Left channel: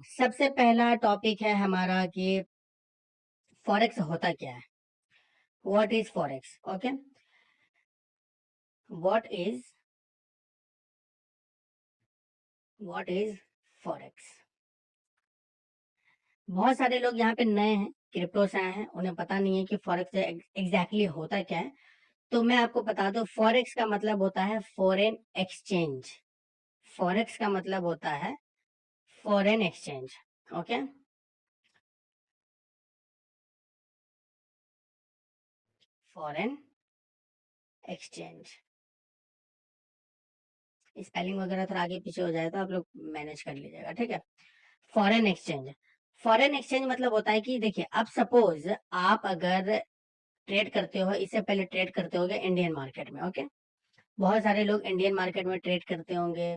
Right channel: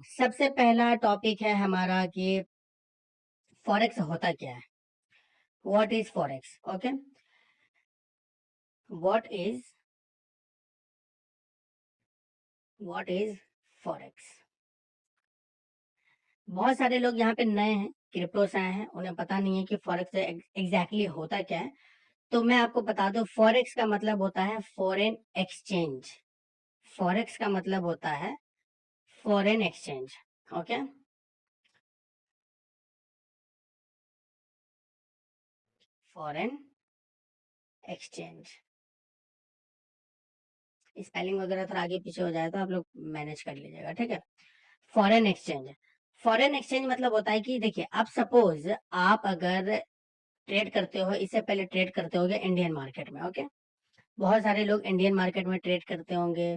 सबसे पहला टॉपिक है हमारा कि फॉरेक्स होता क्या है। What is forex? Okay, what is what is forex. बहुत सारे लोग यहाँ पे नए हैं, क्रिप्टो से आए हैं, उन्हें पता नहीं है कि फॉरेक्स एग्जैक्टली होता क्या है। तो मैं आपको बता दूं, फॉरेक्स का मतलब होता है फॉरेन एक्सचेंज। फॉरेक्स का मतलब होता है foreign exchange. Okay, foreign exchange. Spelling वगैरह थोड़ा आगे पीछे हो जाए तो आप लोग मैनेज कर लीजिएगा, ठीक है। फॉरेन एक्सचेंज, फॉरेन एक्सचेंज मतलब होता है कि देखिए, अब सपोज आप अगर ट्रेड करते हो, इससे पहले ट्रेड करते होगे इंडियन मार्केट में। ओके, बहुत सारे लोग इंडियन मार्केट में ट्रेड करते होंगे,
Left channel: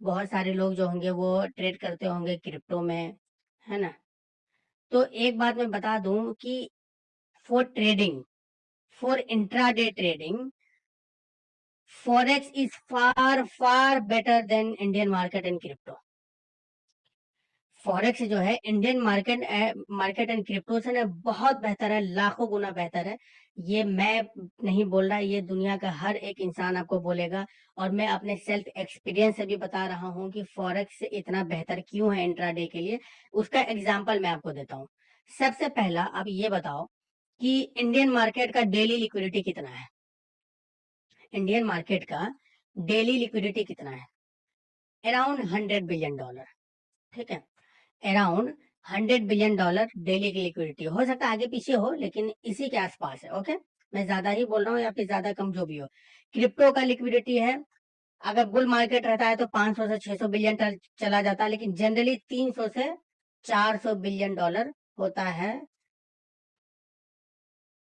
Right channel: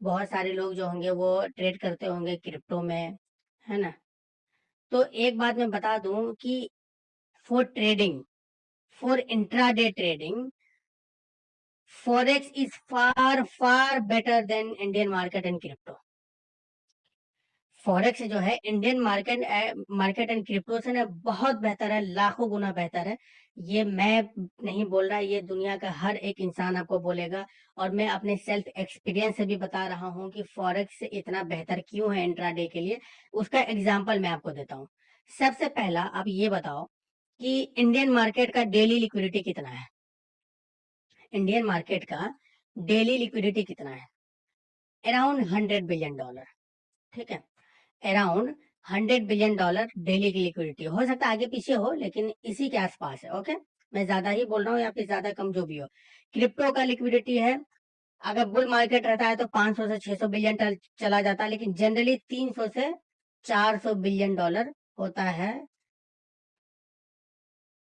बहुत सारे लोग जो होंगे वो ट्रेड करते होंगे क्रिप्टो में, है ना। तो एक बात मैं बता दूं कि for trading, for intraday trading, forex is far far better than Indian market and crypto. Forex जो है इंडियन मार्केट एंड क्रिप्टो से ना बहुत बेहतर है, लाखों गुना बेहतर है। ये मैं नहीं बोल रहा, ये दुनिया का हर एक इंसान आपको बोलेगा। और मैं अपने सेल्फ एक्सपीरियंस से भी बता रहा हूँ कि फॉरेक्स इतना बेहतर क्यों है इंट्राडे के लिए। उसका एग्जांपल मैं आपको देता हूँ। सबसे पहला आप ये बताओ कि इंडियन मार्केट का डेली लिक्विडिटी कितना है। इंडियन मार्केट का डेली लिक्विडिटी कितना है? अराउंड $100 बिलियन, ठीक है। अराउंड $100 बिलियन डेली की लिक्विडिटी। हो सकता है आगे पीछे हो, लेकिन इसी के आसपास है। ओके, मैं ज्यादा ही बोल रहा हूँ या फिर ज्यादा कम जो भी हो। क्रिप्टो का लिक्विडिटी है, अगर बुल मार्केट रहता है तो 500 से 600 बिलियन चला जाता है, लेकिन जनरली 300 से 400 बिलियन डॉलर होता है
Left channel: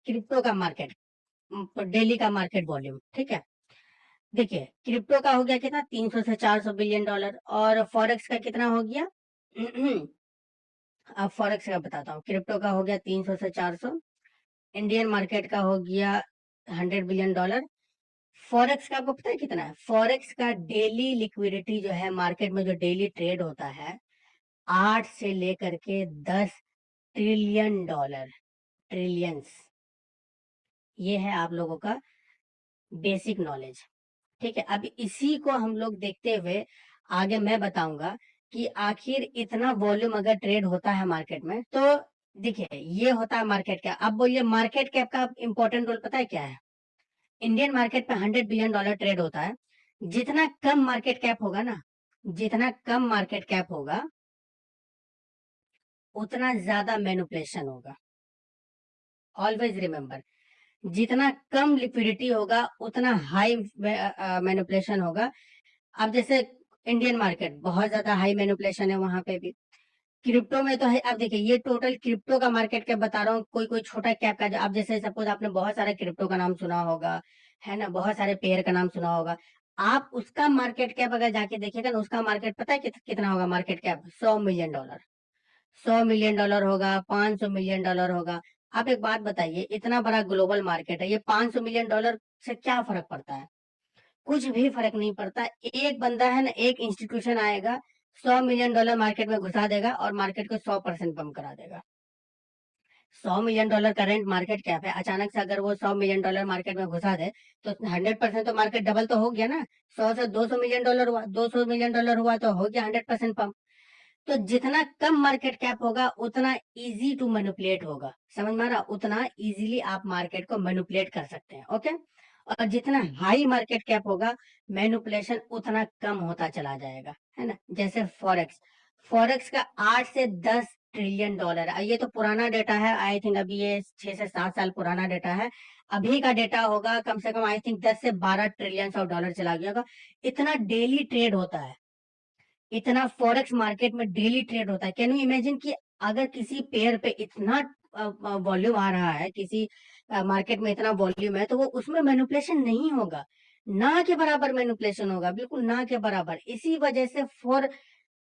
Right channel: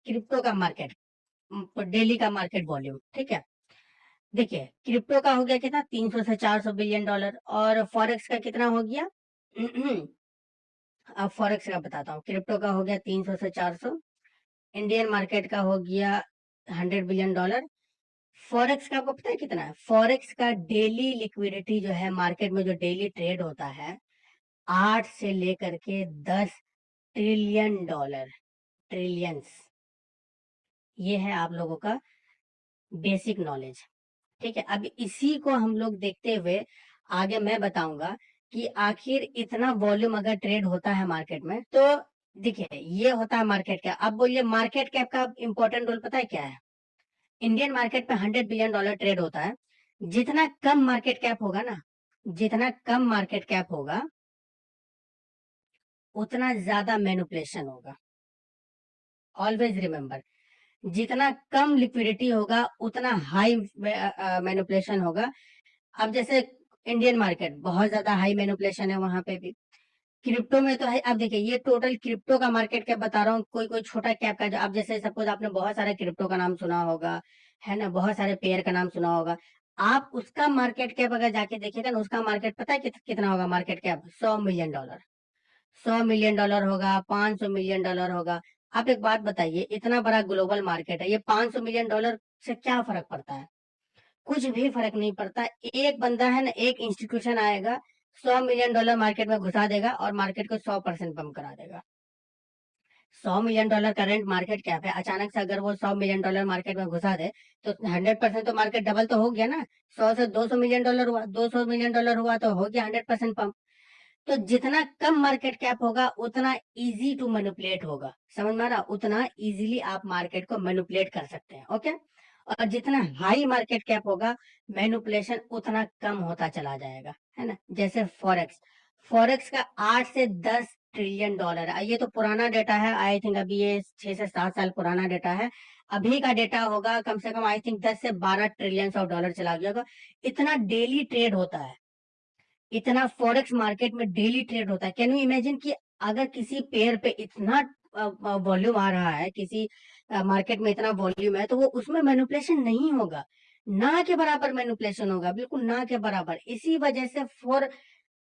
क्रिप्टो का मार्केट, डेली का मार्केट वॉल्यूम, ठीक है। देखिए, क्रिप्टो का हो गया कितना, 300 से 400 बिलियन डॉलर, और फॉरेक्स का कितना हो गया अब फॉरेक्स का बताता हूँ। क्रिप्टो का हो गया 300 से 400, इंडियन मार्केट का हो गया $100 बिलियन। फॉरेक्स का आपको पता है कितना है? फॉरेक्स का डेली लिक्विडिटी जो है मार्केट में, जो डेली ट्रेड होता है, 8 से लेकर के 10 ट्रिलियन डॉलर, ट्रिलियंस। ये है आप लोगों का बेसिक नॉलेज, ठीक है। अब इसी को हम लोग देखते हुए आगे मैं बताऊंगा कि आखिर इतना वॉल्यूम अगर ट्रेड होता है मार्केट में तो देखिए, ये होता है मार्केट कैप। अब बोलिए, मार्केट कैप का इंपॉर्टेंट रोल पता है क्या है? इंडियन मार्केट में $100 बिलियन ट्रेड होता है। जितना कम मार्केट कैप होगा ना, जितना कम मार्केट कैप होगा, उतना ज्यादा मैनिपुलेशन होगा। ऑलवेज रिमेंबर, जितना कम लिक्विडिटी होगा उतना हाई मैनिपुलेशन होगा। अब जैसे इंडियन मार्केट बहुत ज्यादा हाई मैनिपुलेशन है, वहां पे भी। क्रिप्टो में तो है। अब देखिए, ये टोटल क्रिप्टो का मार्केट कैप बता रहा हूँ, कोई कोई छोटा कैप का। जो अब जैसे सपोज आपने बहुत सारे क्रिप्टो का नाम सुना होगा, है ना, बहुत सारे पेयर का नाम सुना होगा। आप उसका मार्केट कैप अगर जाके देखिएगा ना, उसका मार्केट पता है कितना होगा? मार्केट कैप $100 मिलियन, $100 मिलियन होगा, $500 मिलियन होगा। आप एक बात बताइए, इतना बड़ा ग्लोबल मार्केट है, ये $500 मिलियन से क्या फर्क पड़ता है? कुछ भी फर्क नहीं पड़ता। एक बंदा है ना, एक इंस्टीट्यूशन आएगा, $100 मिलियन मार्केट में घुसा देगा और मार्केट को 100% बम करा देगा। $100 करेंट मार्केट कैप है, अचानक से अगर वो $100 मिलियन मार्केट में घुसा दे तो 100% तो मार्केट डबल तो हो गया ना। 100 से $200 मिलियन हुआ, $200 मिलियन हुआ तो हो गया 100% पम्प। तो जितना कम मार्केट कैप होगा उतना इजी टू मैनिपुलेट होगा, समझ में आ रहा? उतना इजीली आप मार्केट को मैनिपुलेट कर सकते हैं। ओके, और जितना हाई मार्केट कैप होगा, मैनिपुलेशन उतना कम होता चला जाएगा, है ना। जैसे फॉरेक्स, फॉरेक्स का 8 से 10 ट्रिलियन डॉलर है। ये तो पुराना डेटा है, आई थिंक अभी ये 6 से 7 साल पुराना डेटा है। अभी का डेटा होगा कम से कम आई थिंक 10 से 12 ट्रिलियन डॉलर चला गया होगा। इतना डेली ट्रेड होता है, इतना फॉरेक्स मार्केट में डेली ट्रेड होता है। कैन यू इमेजिन कि अगर किसी पेयर पे इतना वॉल्यूम आ रहा है, किसी मार्केट में इतना वॉल्यूम है, तो वो उसमें मैनिपुलेशन नहीं होगा, ना के बराबर मैनिपुलेशन होगा, बिल्कुल ना के बराबर। इसी वजह से for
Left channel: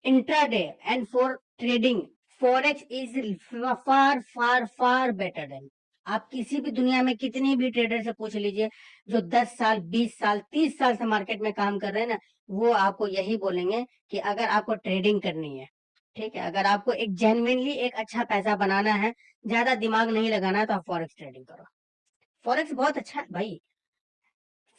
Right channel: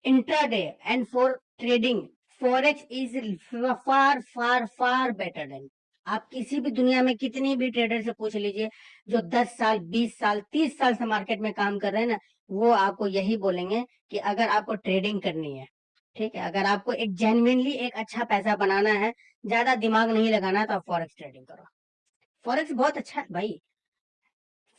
intraday and for trading, forex is far far far better than. आप किसी भी दुनिया में कितनी भी ट्रेडर से पूछ लीजिए, जो 10 साल 20 साल 30 साल से मार्केट में काम कर रहे हैं ना, वो आपको यही बोलेंगे कि अगर आपको ट्रेडिंग करनी है, ठीक है, अगर आपको एक जेन्युइनली एक अच्छा पैसा बनाना है, ज्यादा दिमाग नहीं लगाना है, तो आप फॉरेक्स ट्रेडिंग करो। फॉरेक्स बहुत अच्छा है भाई,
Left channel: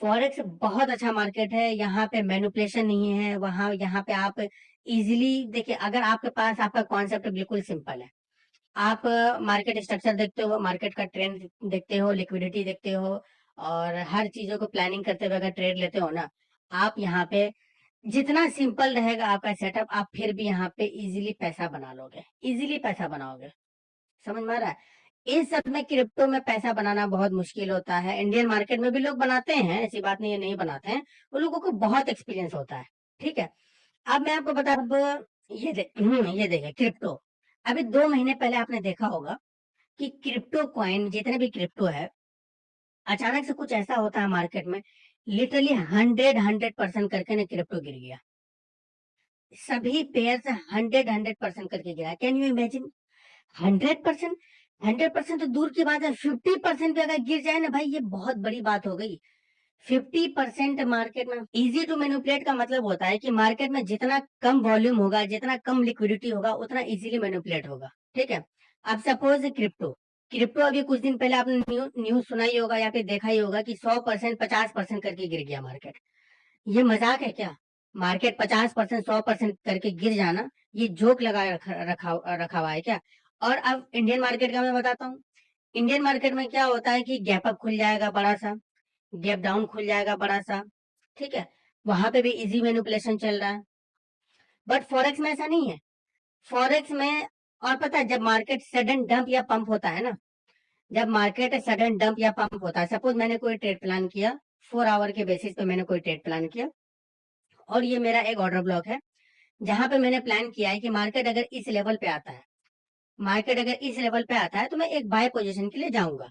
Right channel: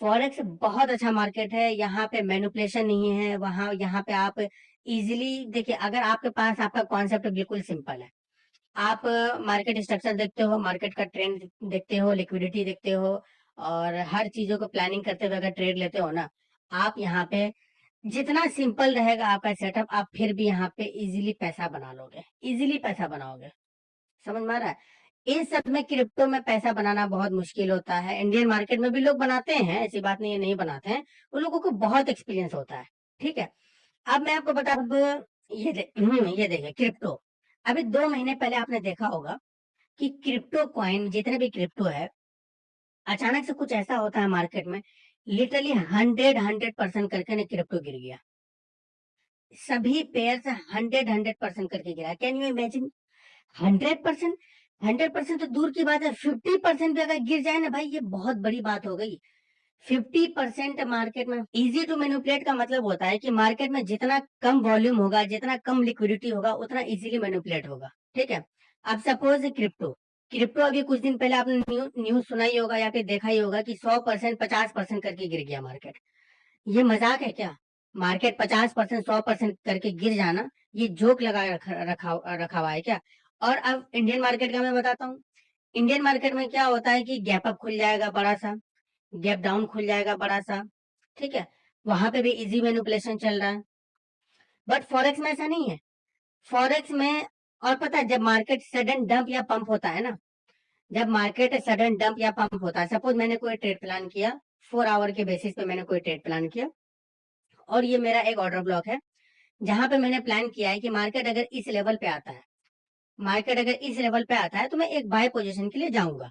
फॉरेक्स बहुत अच्छा मार्केट है। यहाँ पे मैनिपुलेशन नहीं है, वहाँ यहाँ पे आप इजीली देखिए, अगर आपके पास आपका कॉन्सेप्ट बिल्कुल सिंपल है, आप मार्केट स्ट्रक्चर देखते हो, मार्केट का ट्रेंड देखते हो, लिक्विडिटी देखते हो, और हर चीजों को प्लानिंग करते हुए अगर ट्रेड लेते हो ना, आप यहाँ पे जितना सिंपल रहेगा आपका सेटअप, आप फिर भी यहाँ पे इजीली पैसा बना लोगे, इजीली पैसा बनाओगे। समझ में आ रहा है? इस सब में क्रिप्टो में पैसा बनाना बहुत मुश्किल होता है। इंडियन मार्केट में भी लोग बनाते हैं, ऐसी बात नहीं है नहीं बनाते हैं, वो लोगों को बहुत एक्सपीरियंस होता है। ठीक है, अब मैं आपको बता दूं, ये देखिए क्रिप्टो, अभी 2 महीने पहले आपने देखा होगा कि क्रिप्टो कॉइन जितने भी क्रिप्टो है, अचानक से कुछ ऐसा होता है मार्केट में, लिटरली 100% करके ना क्रिप्टो गिर गया। सभी पेयर से 100% करके गिरा। Can you imagine? 100%, 100% तो दूर की बात है, 50% भी अगर गिर जाए ना भाई, ये बहुत बड़ी बात हो गई। 50% मार्केट में इजी टू मैनिपुलेट का मतलब होता है कि मार्केट में जितना कम वॉल्यूम होगा, जितना कम लिक्विडिटी होगा, उतना इजीली मैनिपुलेट होगा। ठीक है, अब सपोज क्रिप्टो, क्रिप्टो अभी कुछ दिन पहले आपने न्यूज सुनाई होगा या फिर देखा ही होगा कि 100%, 50% करके गिर गया मार्केट। ये मजाक है क्या? मार्केट 50%, 100% करके गिर जाना, ये जोक लगा रखा हुआ है क्या? और अब इंडियन मार्केट का मैं बताता हूँ। इंडियन मार्केट में क्या होता है कि गैप अप खुल जाएगा बड़ा सा, गैप डाउन खुल जाएगा बड़ा सा। ठीक है, वहां पे भी इजी मैनिपुलेशन चल रहा है। बट फॉरेक्स में ऐसा नहीं है। फॉरेक्स में, और पता है, जब मार्केट सडन डंप या पंप होता है ना, जब मार्केट सडन डंप या पंप होता है, सपोज मैंने कोई ट्रेड प्लान किया, 4 आवर के बेसिस पे मैंने कोई ट्रेड प्लान किया, और ये मेरा एक ऑर्डर ब्लॉक है, जहां पे मैंने प्लान किया है कि मार्केट अगर इस लेवल पे आता है, मार्केट अगर इस लेवल पे आता है तो मैं एक बाय पोजीशन के लिए जाऊंगा।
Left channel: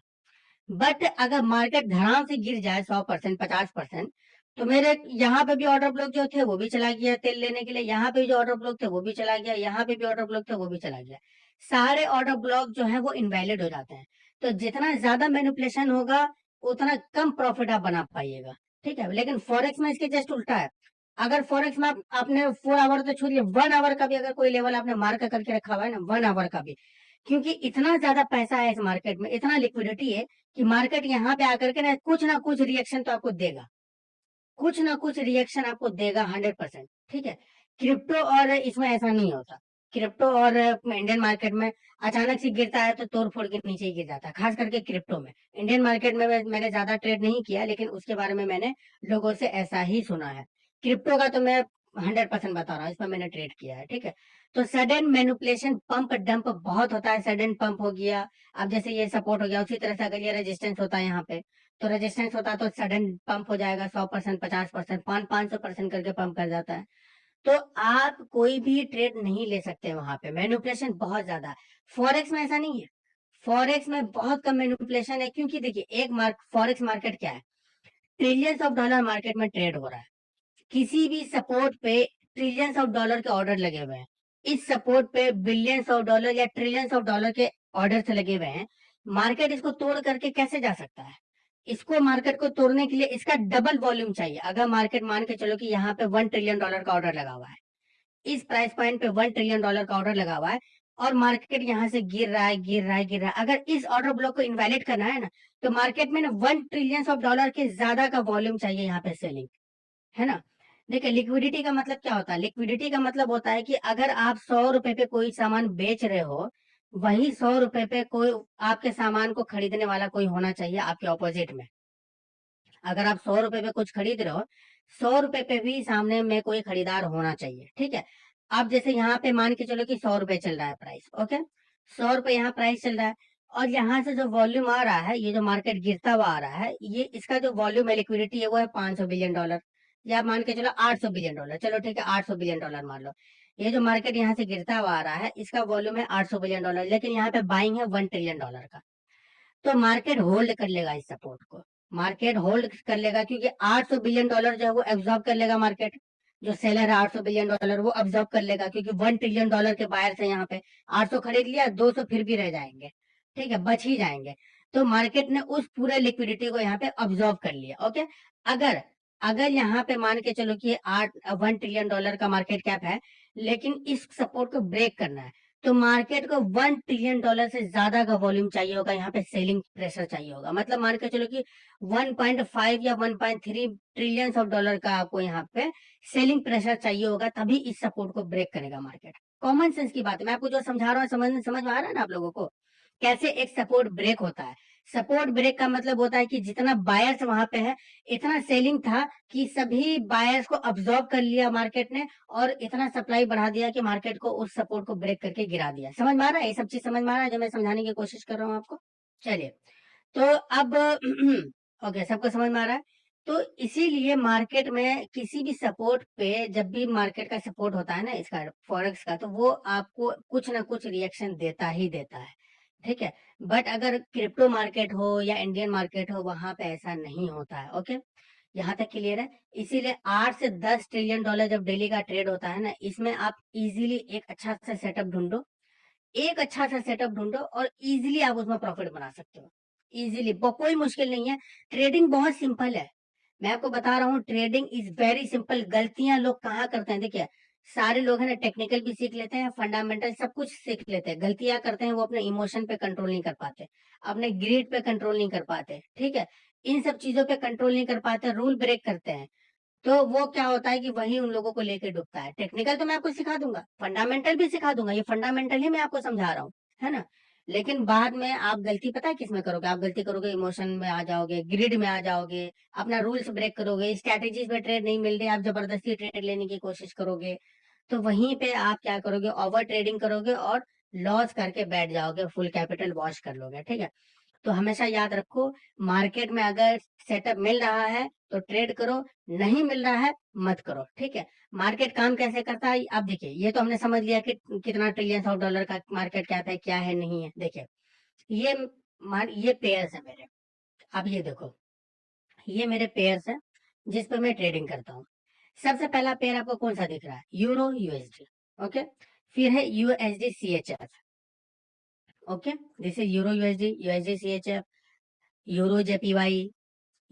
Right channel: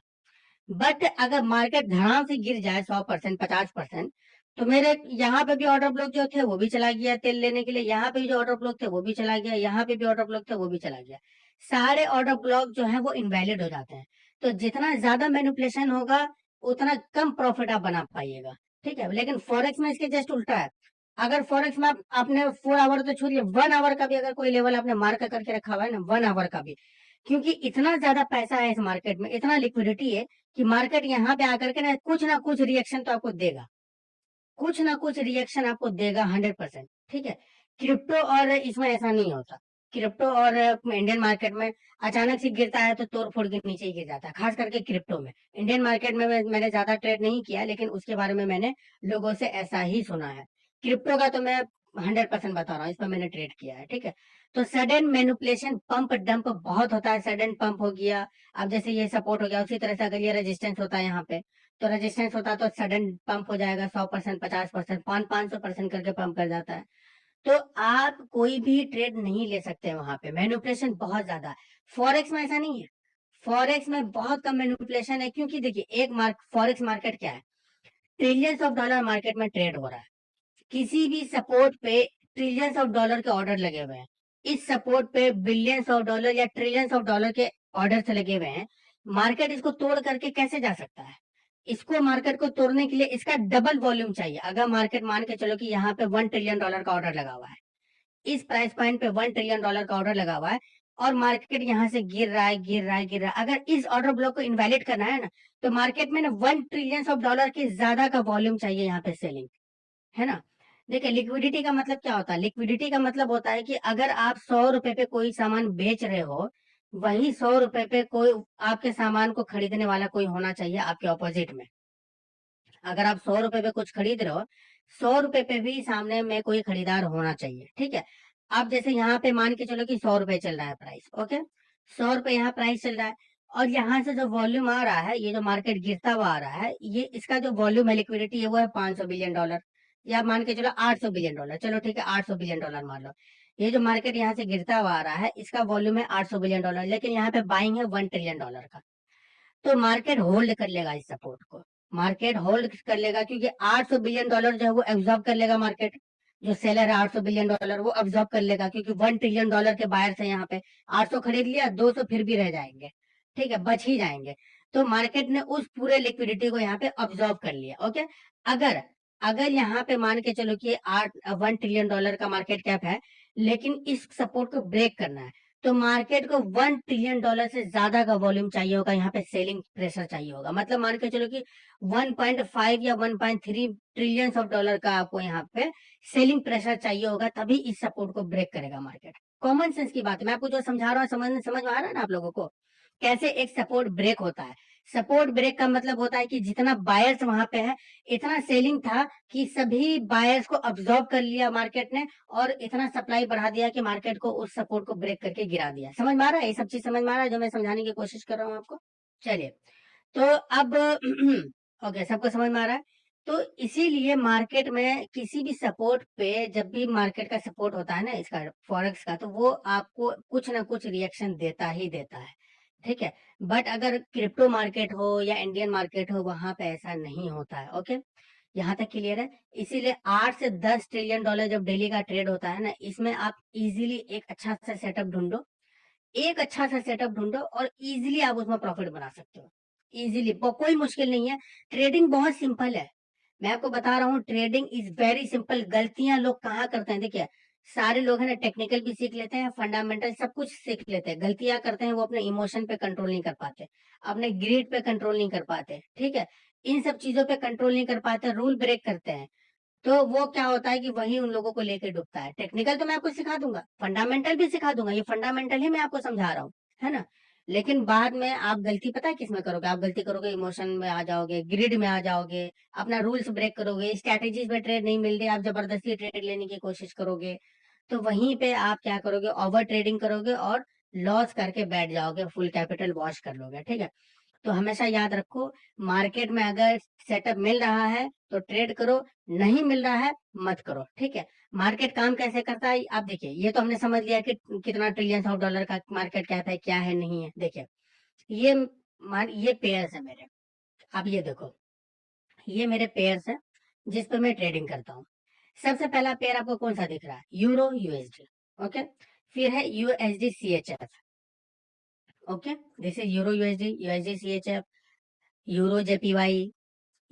बट अगर मार्केट धड़ाम से गिर जाए 100%, 50%, तो मेरे यहाँ पे भी ऑर्डर ब्लॉक जो थे वो भी चला गया तेल लेने के लिए, यहाँ पे जो ऑर्डर ब्लॉक थे वो भी चला गया, यहाँ पे भी ऑर्डर ब्लॉक थे वो भी चला गया। सारे ऑर्डर ब्लॉक जो है वो इनवैलिड हो जाते हैं। तो जितना ज्यादा मैनिपुलेशन होगा, उतना कम प्रॉफिट आप बना पाइएगा। ठीक है, लेकिन फॉरेक्स में इसके जस्ट उल्टा है। अगर फॉरेक्स में आपने 4 आवर तो छोड़िए, 1 आवर का भी अगर कोई लेवल आपने मार्क करके रखा हुआ है ना, 1 आवर का भी, क्योंकि इतना ज्यादा पैसा है इस मार्केट में, इतना लिक्विडिटी है कि मार्केट यहाँ पे आकर के ना कुछ रिएक्शन तो आपको देगा, कुछ ना कुछ रिएक्शन आपको देगा 100%। ठीक है, क्रिप्टो और इसमें ऐसा नहीं होता। क्रिप्टो और इंडियन मार्केट में अचानक से गिरता है तो तोड़ फोड़ के नीचे ही गिर जाता है, खास करके क्रिप्टो में। इंडियन मार्केट में मैंने ज्यादा ट्रेड नहीं किया, लेकिन उसके बारे में मैंने लोगों से ऐसा ही सुना है। क्रिप्टो का तो मैं 100% बता रहा हूँ, इस पर मैंने ट्रेड किया है। ठीक है, तो सडन मैनिपुलेशन, पंप डंप बहुत होता है। सडन पंप हो गया, अब जैसे ये सपोर्ट हो गया, उसी तरह से अगर ये रेजिस्टेंस होता है यहाँ पे, तो रेजिस्टेंस होता है तो सडन पंप हो जाएगा, 100%, 50%, 500% करके पंप कर जाता है। तो आप कोई भी ट्रेड नहीं ले सकते वहां पे, मैनिपुलेशन बहुत ज्यादा है। फॉरेक्स में ऐसा नहीं है, फॉरेक्स में बहुत कम मैनिपुलेशन है, क्योंकि देखिए फॉरेक्स मार्केट क्या है, ट्रिलियंस ऑफ डॉलर मार्केट में ट्रेड हो रहा है। किसी भी सपोर्ट पे ट्रिलियंस ऑफ डॉलर के ऑर्डर लगे हुए हैं, इस सपोर्ट पे बिलियंस ऑफ डॉलर या ट्रिलियंस ऑफ डॉलर के ऑर्डर लगे हुए हैं। मार्केट इसको तोड़ करके कैसे जा सकता है? इसको मार्केट को तोड़ने के लिए इसका डबल वॉल्यूम चाहिए। अगर मार्केट मान के चलो कि यहाँ पे $1 ट्रिलियन का ऑर्डर लगा हुआ है, इस प्राइस पॉइंट पे $1 ट्रिलियन का ऑर्डर लगा हुआ है, और मार्केट यहाँ से गिर रहा है, गिर रहा है, गिर रहा है, अगर इस ऑर्डर ब्लॉक को इनवैलिड करना है ना, तो मार्केट में ना $1 ट्रिलियन के ज्यादा का वॉल्यूम चाहिए यहाँ पे सेलिंग, है ना? देखिए, लिक्विडिटी का मतलब क्या होता है? लिक्विडिटी का मतलब होता है कि अगर आप 100 रुपए पे कोई सामान बेच रहे हो, वही 100 रुपए पे कोई आपके सामान को खरीदने वाला कोई होना चाहिए आपके ऑपोजिट में। अगर आप 100 रुपए पे कुछ खरीद रहे हो, 100 रुपए पे भी सामने में कोई खरीदार होना चाहिए। ठीक है, आप जैसे यहाँ पे मान के चलो कि 100 रुपए चल रहा है प्राइस, ओके, 100 रुपए यहाँ प्राइस चल रहा है, और यहाँ से जो वॉल्यूम आ रहा है, ये जो मार्केट गिरता हुआ आ रहा है, ये इसका जो वॉल्यूम है, लिक्विडिटी है, वो है $500 बिलियन, या मान के चलो $800 बिलियन, चलो ठीक है, $800 बिलियन मान लो। ये जो मार्केट यहाँ से गिरता हुआ आ रहा है, इसका वॉल्यूम है $800 बिलियन, लेकिन यहाँ पे बाइंग है $1 ट्रिलियन का। तो मार्केट होल्ड कर लेगा इस सपोर्ट को, मार्केट होल्ड कर लेगा, क्योंकि $800 बिलियन जो है वो एब्जॉर्ब कर लेगा मार्केट। जो सेलर है $800 बिलियन वो एब्जॉर्ब कर लेगा, क्योंकि $1 ट्रिलियन के बायर से यहाँ पे 800 खरीद लिया, 200 फिर भी रह जाएंगे। ठीक है, बच ही जाएंगे। तो मार्केट ने उस पूरे लिक्विडिटी को यहाँ पे ऑब्जॉर्व कर लिया। ओके, अगर अगर यहाँ पे मान के चलो कि $1 ट्रिलियन का मार्केट कैप है, लेकिन इस सपोर्ट को ब्रेक करना है तो मार्केट को $1 ट्रिलियन से ज्यादा का वॉल्यूम चाहिए होगा, यहाँ पे सेलिंग प्रेशर चाहिए होगा। मतलब मान के चलो कि 1.5 या 1.3 ट्रिलियन ऑफ डॉलर का आपको यहाँ पे सेलिंग प्रेशर चाहिए होगा, तभी इस सपोर्ट को ब्रेक करेगा मार्केट। कॉमन सेंस की बात है, मैं आपको जो समझा रहा हूँ समझ में आ रहा है ना आप लोगों को, कैसे एक सपोर्ट ब्रेक होता है। सपोर्ट ब्रेक का मतलब होता है कि जितना बायर्स वहां पे है, इतना सेलिंग था कि सभी बायर्स को अब्सॉर्ब कर लिया मार्केट ने, और इतना सप्लाई बढ़ा दिया कि मार्केट को उस सपोर्ट को ब्रेक करके गिरा दिया। समझ में आ रहा है, ये सब चीज समझ में आ रहा है जो मैं समझाने की कोशिश कर रहा हूँ आपको। चलिए, तो अब ओके, सबको समझ में आ रहा है। तो इसीलिए मार्केट में किसी भी सपोर्ट पे, जब भी मार्केट का सपोर्ट होता है ना इसका, फॉरेक्स का, तो वो आपको कुछ ना कुछ रिएक्शन देता ही देता है, ठीक है। बट अगर क्रिप्टो मार्केट हो या इंडियन मार्केट हो, वहां पे ऐसा नहीं होता है। ओके, यहाँ तक क्लियर है। इसीलिए 8 से 10 ट्रिलियन डॉलर जब डेली का ट्रेड होता है ना, इसमें आप इजीली एक अच्छा सा सेटअप ढूंढो, एक अच्छा सा सेटअप ढूंढो और इजीली आप उसमें प्रॉफिट बना सकते हो। इजीली, कोई मुश्किल नहीं है। ट्रेडिंग बहुत सिंपल है, मैं आपको बता रहा हूँ, ट्रेडिंग इज वेरी सिंपल। गलतियां लोग कहाँ करते हैं, देखिए, सारे लोग है ना टेक्निकल भी सीख लेते हैं, फंडामेंटल सब कुछ सीख लेते हैं। गलतियां करते हैं वो अपने इमोशन पे कंट्रोल नहीं कर पाते, अपने ग्रीड पे कंट्रोल नहीं कर पाते, ठीक है, इन सब चीजों पे कंट्रोल नहीं कर पाते, रूल ब्रेक करते हैं। तो वो क्या होता है कि वही उन लोगों को लेके डूबता है। टेक्निकल तो मैं आपको सिखा दूंगा, फंडामेंटल भी सिखा दूंगा, ये फंडामेंटल ही मैं आपको समझा रहा हूँ, है ना। लेकिन बाद में आप गलती पता है किसमें करोगे, आप गलती करोगे इमोशन में आ जाओगे, ग्रिड में आ जाओगे, अपना रूल्स ब्रेक करोगे, स्ट्रैटेजीज पे ट्रेड नहीं मिल रही, आप जबरदस्ती ट्रेड लेने की कोशिश करोगे, तो वहीं पे आप क्या करोगे, ओवर ट्रेडिंग करोगे और लॉस करके बैठ जाओगे, फुल कैपिटल वॉश कर लोगे, ठीक है। तो हमेशा याद रखो, मार्केट में अगर सेटअप मिल रहा है तो ट्रेड करो, नहीं मिल रहा है मत करो, ठीक है। मार्केट काम कैसे करता है आप देखिए, ये तो हमने समझ लिया कि कितना ट्रिलियन ऑफ डॉलर का मार्केट कहता है, क्या है नहीं है। देखिए, ये ये पेयर्स है मेरे, अब ये देखो, ये मेरे पेयर्स है जिस पर मैं ट्रेडिंग करता हूँ। सबसे पहला पेयर आपको कौन सा दिख रहा है, यूरो यूएसडी, ओके। फिर है USD CHF, okay, this is euro USD, USD CHF, euro JPY,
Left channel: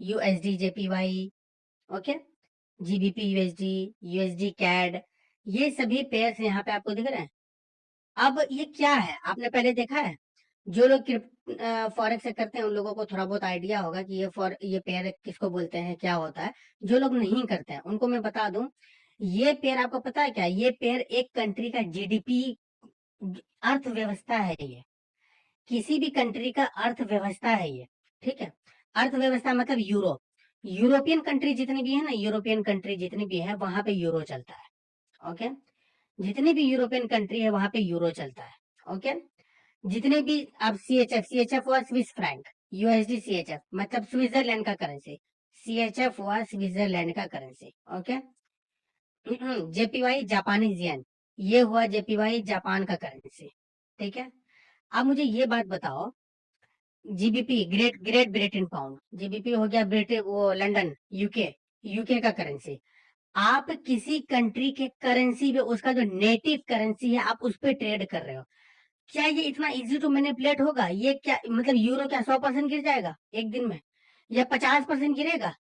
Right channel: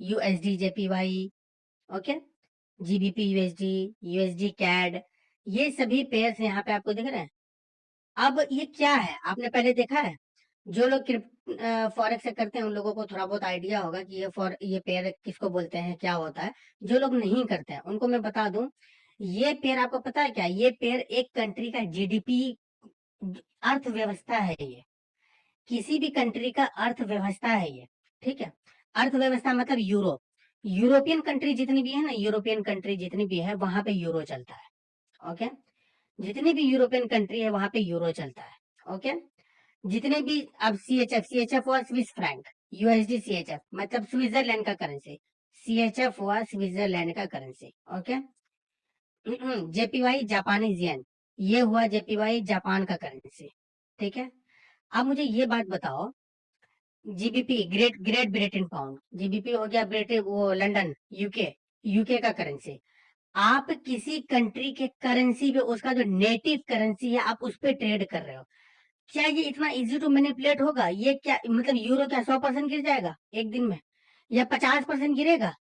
USD JPY, okay, GBP USD, USD CAD, ये सभी पेयर्स यहाँ पे आपको दिख रहे हैं। अब ये क्या है, आपने पहले देखा है? जो लोग फॉरेक्स से करते हैं उन लोगों को थोड़ा बहुत आइडिया होगा कि ये पेयर किसको बोलते हैं, क्या होता है। जो लोग नहीं करते हैं उनको मैं बता दूं, ये पेयर आपको पता है क्या, ये पेयर एक कंट्री का जीडीपी, अर्थव्यवस्था है ये, किसी भी कंट्री का अर्थव्यवस्था है ये, ठीक है। अर्थव्यवस्था मतलब यूरोप, यूरोपियन कंट्री जितनी भी है ना, यूरोपियन कंट्री जितनी भी है वहां पे यूरो चलता है, ओके। जितनी भी यूरोपियन कंट्री है वहां पे यूरो चलता है, ओके। जितने भी, अब सीएचएफ हुआ स्विस फ्रैंक, यूएसडी सीएचएफ मतलब स्विट्जरलैंड का करेंसी, सीएचएफ हुआ स्विट्जरलैंड का currency, okay. JPY Japanese yen, ये हुआ जेपीवाई जापान का करेंसी, ठीक है। अब मुझे ये बात बताओ, GBP great great Britain pound, GBP हो गया ब्रिटेन, वो लंदन, यूके, यूके का करेंसी। आप किसी कंट्री के करेंसी पे, उसका जो नेटिव करेंसी है आप उस पे ट्रेड कर रहे हो, क्या ये इतना इजी टू मैनिपुलेट होगा? ये क्या मतलब, यूरो क्या 100% गिर जाएगा एक दिन में, या 50% गिरेगा?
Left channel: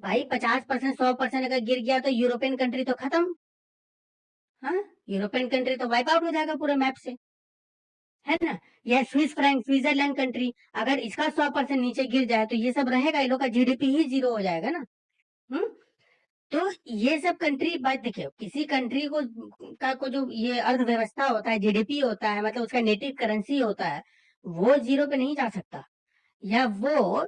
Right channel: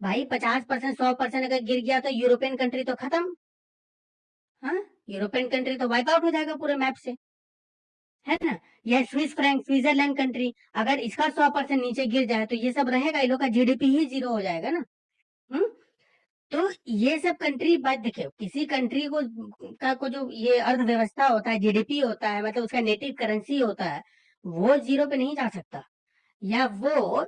भाई 50%, 100% अगर गिर गया तो यूरोपियन कंट्री तो खत्म, हाँ, यूरोपियन कंट्री तो वाइप आउट हो जाएगा पूरे मैप से, है ना। यह स्विस फ्रैंक, स्विट्जरलैंड कंट्री, अगर इसका 100% नीचे गिर जाए तो ये सब रहेगा, इन लोग का जीडीपी ही जीरो हो जाएगा ना। हम्म। तो ये सब कंट्री, बात देखिए, किसी कंट्री को जो ये अर्थव्यवस्था होता है, जीडीपी होता है, मतलब उसका नेटिव करेंसी होता है, वो जीरो पे नहीं जा सकता, या वो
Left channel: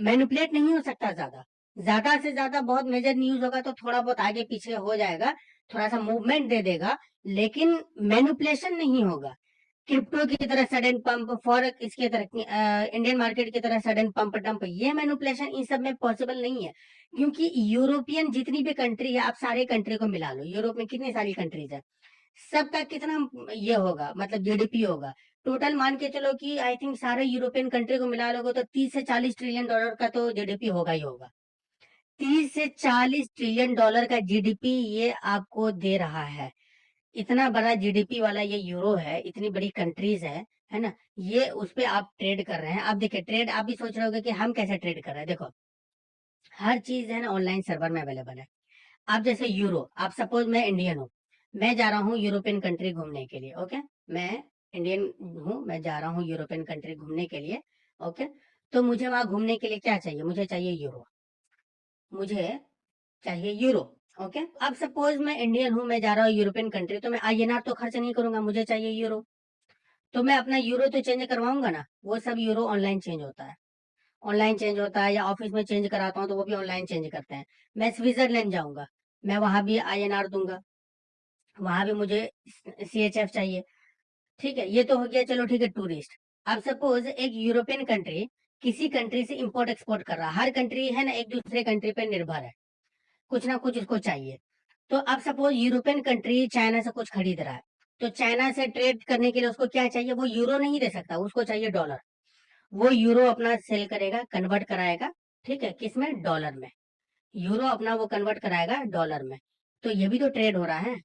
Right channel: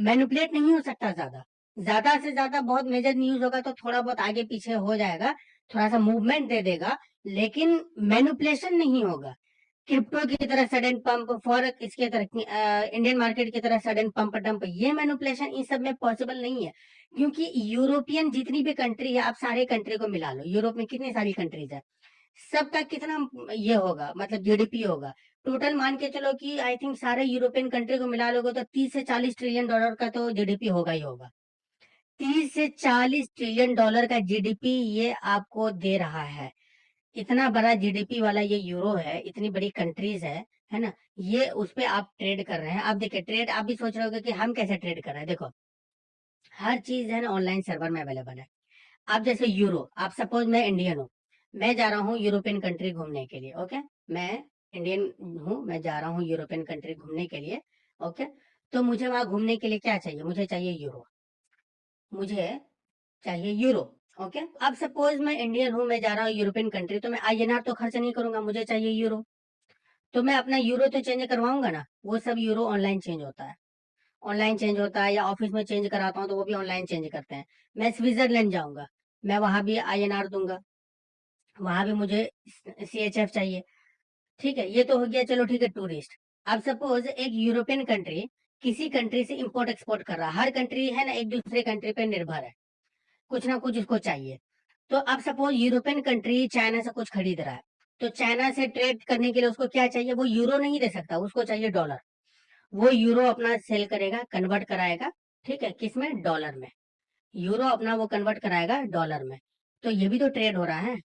मैनिपुलेट नहीं हो सकता। ज्यादा ज्यादा से ज्यादा बहुत मेजर न्यूज होगा तो थोड़ा बहुत आगे पीछे हो जाएगा, थोड़ा सा मूवमेंट दे देगा, लेकिन मैनिपुलेशन नहीं होगा। क्रिप्टो की तरह सडन पंप, फॉरेक्स इसके तरह इंडियन मार्केट की तरह सडन पंप डंप, ये मैनिपुलेशन इन सब में पॉसिबल नहीं है। क्योंकि यूरोपियन जितनी भी कंट्री है, आप सारे कंट्री को मिला लो, यूरोप में कितनी सारी कंट्रीज है, सबका कितना ये होगा, मतलब जीडीपी होगा, टोटल मान के चलो कि आई थिंक सारे यूरोपियन कंट्री को मिला लोगे तो 30 से 40 ट्रिलियन डॉलर का तो जीडीपी होगा ही होगा। 30 से 40 ट्रिलियन डॉलर का जीडीपी ये आपको दे रहा है। इतना बड़ा जीडीपी वाला ये यूरो है, इतनी बड़ी कंट्रीज है ना। ये उस पे आप ट्रेड कर रहे हैं। आप देखिए, ट्रेड आप भी सोच रहे होगे कि हम कैसे ट्रेड कर रहे हैं। देखो, हर चीज है ना ऑनलाइन सर्वर में अवेलेबल है। आप जैसे यूरो, आप सपोज मैं इंडियन हूँ, मैं जा रहा हूँ यूरोपियन कंट्री घूमने के लिए, ओके। मैं इंडियन हूँ, मैं जा रहा हूँ यूरोपियन कंट्री घूमने के लिए, ओके। तो मुझे वहां घूमने के लिए क्या चाहिए, मुझे चाहिए यूरो, मुझे चाहिए यूरो, ओके। अब सपोज मैं इंडियन हूँ, मैं जा रहा हूँ यूरोपियन कंट्री, तो मैं आईएनआर तो खर्च नहीं करूंगा, मुझे चाहिए यूरो। तो मैं अपना यूरो तो चेंज करवाऊंगा ना, वो सब यूरो ऑनलाइन चेंज होता है, ऑनलाइन चेंज होता है, या ऑफिस में चेंज कराता हूँ तो वो भी ऑनलाइन चेंज करते हैं। मैं स्विट्जरलैंड जाऊंगा, मैं वहां भी आईएनआर दूंगा, वहां भी मुझे सीएचएफ चाहिए। ठीक है, ये तो हो गया, चलो ठीक है, टूरिस्ट। अब सपोज एक यूरोपियन कंट्री किसी कंट्री से इंपोर्ट एक्सपोर्ट कर रहा है, हर कंट्री है ना एक दूसरे कंट्री पे निर्भर है, कुछ ना कुछ उसको चाहिए। तो अब सपोज यूरोपियन कंट्री चाइना से कुछ खरीद रहा है, तो चाइना से ट्रेड करने के लिए उसको क्या चाहिए, वो यूरो नहीं दे सकता, उसको चाहिए डॉलर। वो यूरो अपना सेल करेगा, कन्वर्ट कराएगा, ठीक है, किसमें, डॉलर में। यूरो अपना वो कन्वर्ट कराएगा डॉलर में। तो ये भी तो ट्रेड हो रहा है।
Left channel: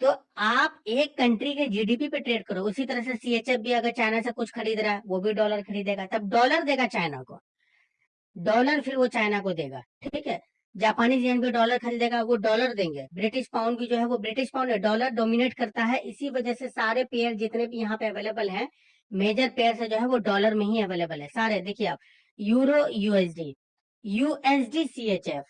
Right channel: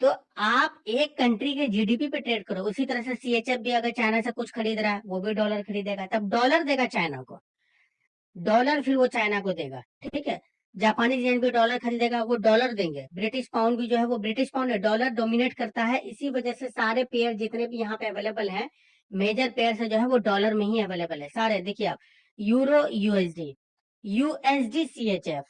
तो आप एक कंट्री के जीडीपी पे ट्रेड करो, उसी तरह से सीएचएफ भी अगर चाइना से कुछ खरीद रहा है, वो भी डॉलर खरीदेगा, तब डॉलर देगा चाइना को, डॉलर फिर वो चाइना को देगा, ठीक है। जापानीज येन भी डॉलर खरीदेगा, वो डॉलर देंगे। ब्रिटिश पाउंड भी जो है वो ब्रिटिश पाउंड है, डॉलर डोमिनेट करता है, इसी वजह से सारे पेयर जितने भी यहाँ पे अवेलेबल हैं, मेजर पेयर से जो है वो डॉलर में ही अवेलेबल है सारे। देखिए आप, यूरो यूएसडी, यूएसडी सीएचएफ,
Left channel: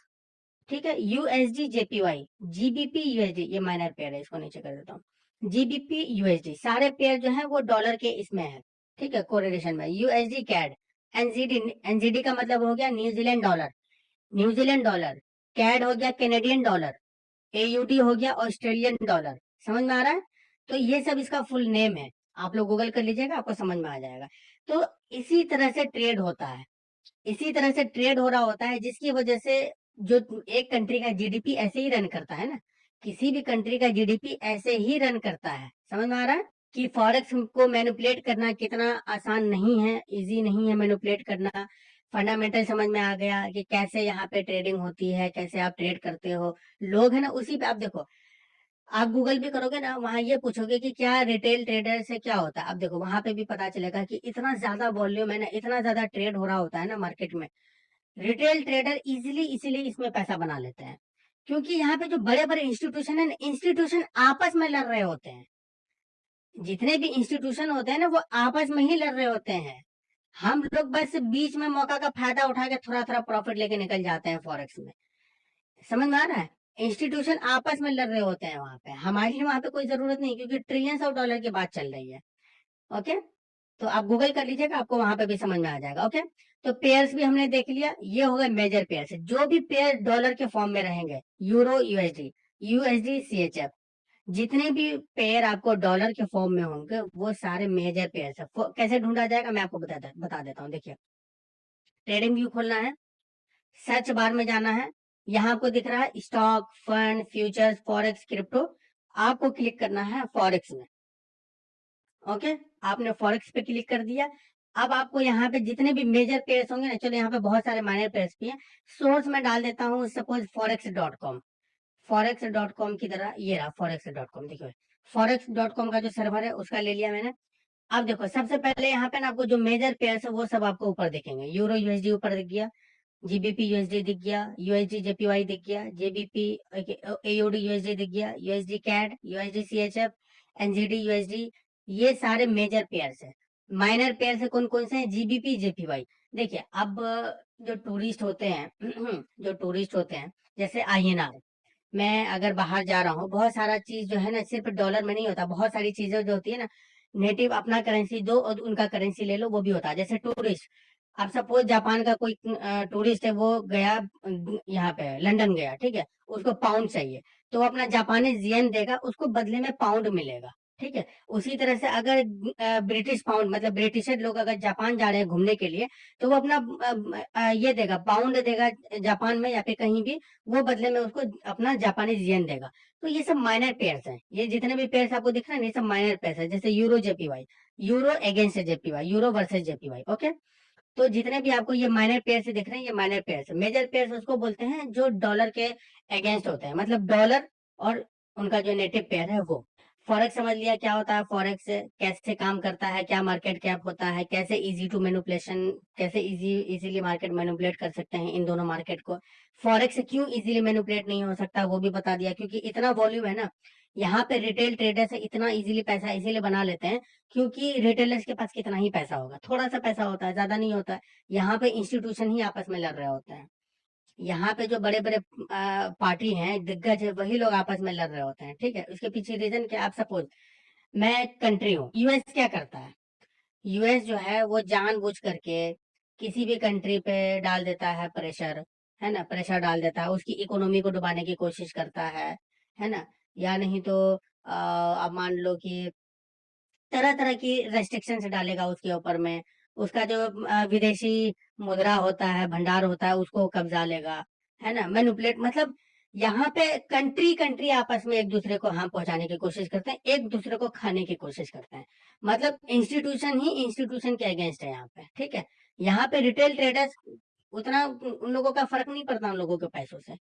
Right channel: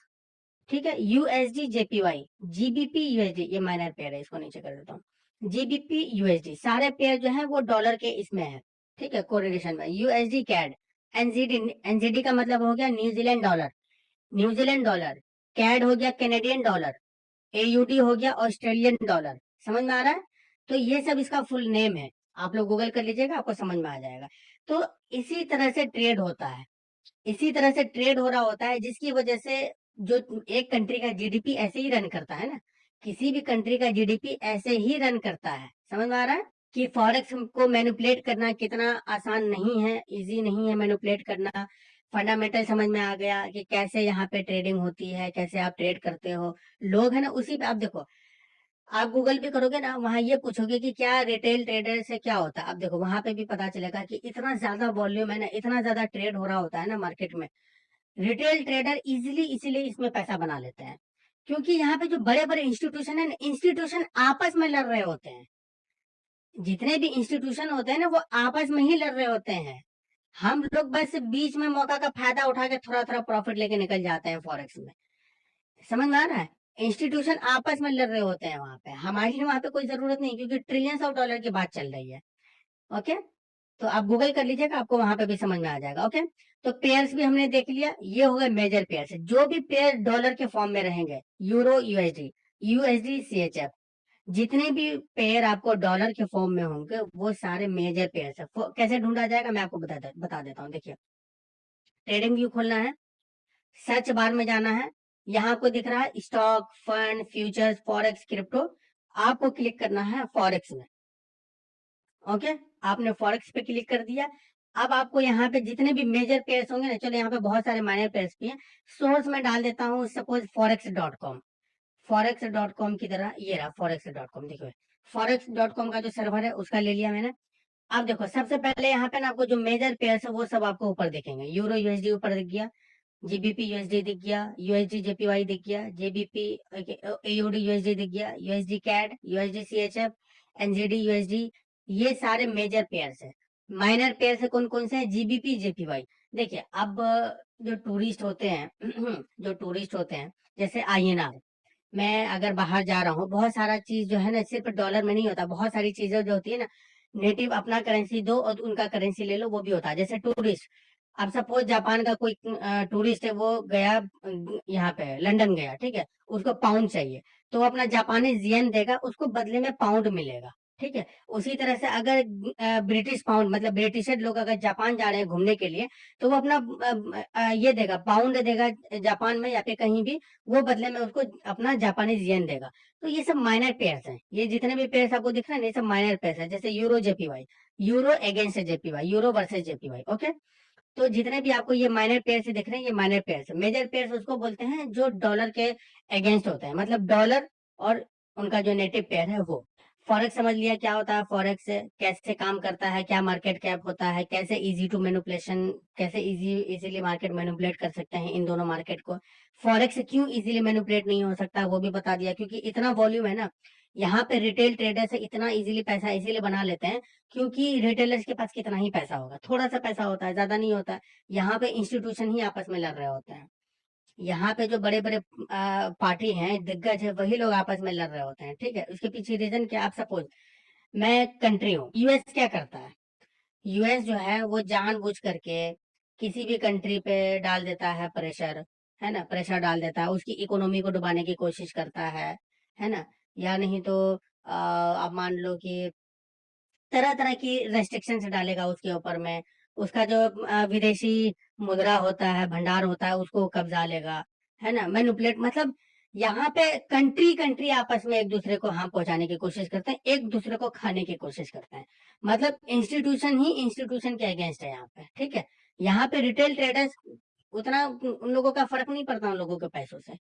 ठीक है, यूएसडी जेपीवाई, जीबीपी यूएसडी, ये माइनर पेयर है, इसको नीचे कर देता हूँ। जीबीपी यूएसडी सारे पेयर जो है वो डॉलर के इसमें है, ठीक है, कोरिलेशन में। यूएसडी कैड, एनजीडी, एनजीडी का मतलब हो गया New Zealand dollar, New Zealand dollar. CAD हो गया कैनेडियन डॉलर। एयूडी हो गया ऑस्ट्रेलियन डॉलर। समझ में आ रहा है? तो ये सब इसका फुल नेम है, आप लोग गूगल कर लीजिएगा, आपको समझ में आ जाएगा। तो इसी तरह से ट्रेड होता है, इसी तरह से ट्रेड हो रहा होता है, जिसकी वजह से जो एक कंट्री का जीडीपी ऐसे ही रन करता है ना, किसी भी कंट्री का जीडीपी ऐसे ही रन करता है। समझ में आ रहा है कि फॉरेक्स को मैनिपुलेट करना कितना आसान नहीं है, इजी नहीं है मैनिपुलेट करना। फंडामेंटल समझ में आ गया कि कैसे यहाँ पे ट्रेडिंग होती है, कैसे आप ट्रेड करते हो। लोग है ना उसी पे, आप देखो, आप गूगल पे करोगे ना, वहां ये पूछोगे कि क्या रिटेल ट्रेडर से क्या होता है, आप देखो वहां पे भी पता चलेगा कि इतना ज्यादा वॉल्यूम है ना, इतना ज्यादा ट्रेड हो रहा होता है ना मार्केट में। रिटेल ट्रेडर इजीली इसलिए इसमें पैसा बना लेते हैं, क्योंकि यहाँ पे जो बड़े बड़े इंस्टीट्यूशन है ना, इंस्टीट्यूशन आपस में लड़ रहे होते हैं। जितने भी इंस्टीट्यूशन होते हैं ना, वो आपस में ही लड़ रहे होते हैं। हम लोग बस बीच में मौका का फायदा उठा के थोड़ा थोड़ा प्रॉफिट लेके निकल जाते हैं फॉरेक्स में। समझ में आ रहा है? इंस्टीट्यूशन आपस में लड़ रहे होते हैं वहां पे, हमारी वहां पे कोई जरूरत नहीं, क्योंकि ट्रिलियंस ऑफ डॉलर की बात चल रही है, ओके। तो आप गूगल कर लीजिएगा, आपको वहां पे भी समझ में आ जाएगा, ओके। तो पेयर्स भी हमने देख लिया, ये हो गए मेजर पेयर्स। जो भी पेयर डॉलर के फॉर्म में रहेंगे, यूरो यूएसडी, यूएसडी सीएचएफ, जितने भी पेयर आपको डॉलर के फॉर्म में होंगे वो सारे मेजर पेयर्स है। कैसे ढूंढा जाएगा मैं आपको बता देता हूँ। देखिए, ट्रेडिंग व्यू खोलना है, सर्च बार में जाना है, यहाँ आपको दिख रहा है stock, fund, futures, forex, crypto. आपको क्लिक करना है फॉरेक्स में, ओके। आपने फॉरेक्स पे क्लिक कर दिया। अब आपको यहाँ पे जितने भी मेजर पेयर्स होंगे ना, चलो यहाँ पे बहुत सारे माइनर पेयर्स भी हैं। सोर्स में डाल देता हूँ सपोज forex.com, forex.com की तरह, ये रहा forex.com। देखो, forex.com का जो सर्वर है उसका ले लिया मैंने। अब देखो, सबसे पहले यहाँ पे ना आपको जो मेजर पेयर्स है वो सब आपको ऊपर दिखेंगे। यूरो यूएसडी ऊपर दिख गया, जीबीपी यूएसडी दिख गया, यूएसडी जेपीवाई दिख गया, जेबीपी एयूडी यूएसडी दिख गया, USD CAD, USD CHF, NZD USD, ये सारे मेजर पेयर्स है। माइनर पेयर्स है कौन कौन से हैं, जीबीपी जेपीवाई। देखिए, अब जो टूरिस्ट होते हैं जो टूरिस्ट होते हैं, जैसे आईएनआर, मैं अगर बाहर जा रहा हूँ, बहुत सारा चीज जो है ना सिर्फ डॉलर में नहीं होता, बहुत सारी चीजें जो होती है ना, नेटिव अपना करेंसी दो और उनका करेंसी ले लो, वो भी होता है। जैसे टूरिस्ट, अब सपोज जापान का कोई टूरिस्ट है, वो गया यहाँ पे लंदन गया, ठीक है, उसको पाउंड चाहिए, तो वो अपना जापानीज येन देगा, उसको बदले में पाउंड मिलेगा, ठीक है। उसी तरह से अगर ब्रिटिश पाउंड, मतलब ब्रिटिशर लोग अगर जापान जा रहे हैं घूमने के लिए, तो वो अपना ये देगा, पाउंड देगा जापान में या फिर कहीं भी, वो बदले में उसको अपना जापानीज येन देगा। तो ये सब माइनर पेयर्स हैं, ये जितने भी पेयर्स आपको दिख रहे हैं ये सब माइनर पेयर्स हैं। जैसे euro JPY, euro against JPY, euro versus JPY, okay. तो जितने भी आपको ये माइनर पेयर्स दिख रहे हैं ये माइनर पेयर्स है। मेजर पेयर्स उसको बोलते हैं जो डॉलर के अगेंस्ट होते हैं, मतलब डॉलर और उनका जो नेटिव पेयर है वो। फॉरेक्स समझ लिया क्या होता है, फॉरेक्स कैसे काम करता है, क्या मार्केट कैप होता है, कैसे इजी टू मैनिपुलेशन, कैसे इजीली मार्केट मैनिपुलेट कर सकते हैं इन दोनों मार्केट को। फॉरेक्स क्यों इजीली मैनिपुलेट नहीं हो सकता वो भी बता दिया, क्योंकि इतना वॉल्यूम है ना यहाँ पे रिटेल ट्रेडर्स इतना इजीली पैसा इसीलिए बना लेते हैं क्योंकि रिटेलर्स के पास कितना ही पैसा होगा, थोड़ा सा पैसा होता है, ज्यादा नहीं होता है। यहाँ पे इंस्टीट्यूशन ही आपस में लड़ रहे होते हैं। यहाँ पे जो बड़े बड़े पार्टी हैं, दिग्गज है, वही लोग आपस में लड़ रहे होते हैं। ठीक है, उसके पीछे रीजन क्या? आप सपोज मैं कंट्री हूँ, यूएस क्या करता है? यूएस जो है वो जानबूझ करके किसी भी कंट्री पे डाल देता है प्रेशर, है ना, प्रेशर डाल देता है, उसकी इकोनॉमी को डुबाने की कोशिश करता है ना। या नहीं तो आप मान लो कि तरह तरह की रेस्ट्रिक्शंस डालेगा उसके ऊपर में, उसका जो विदेशी मुद्रा होता है, भंडार होता है, उसको कब्जा लेगा, है ना, मैनिपुलेट। मतलब यहाँ पे कंट्री कंट्री आपस में एक दूसरे को हार्म पहुंचाने की कोशिश करते हैं, एक दूसरे को खाने की कोशिश करते हैं। मतलब इंस्टीट्यूशन ही इंस्टीट्यूशन के अगेंस्ट है यहाँ पे। ठीक है, यहाँ पे रिटेल ट्रेडर्स उतना उन लोगों का फर्क नहीं पड़ता उन लोगों के पैसों से,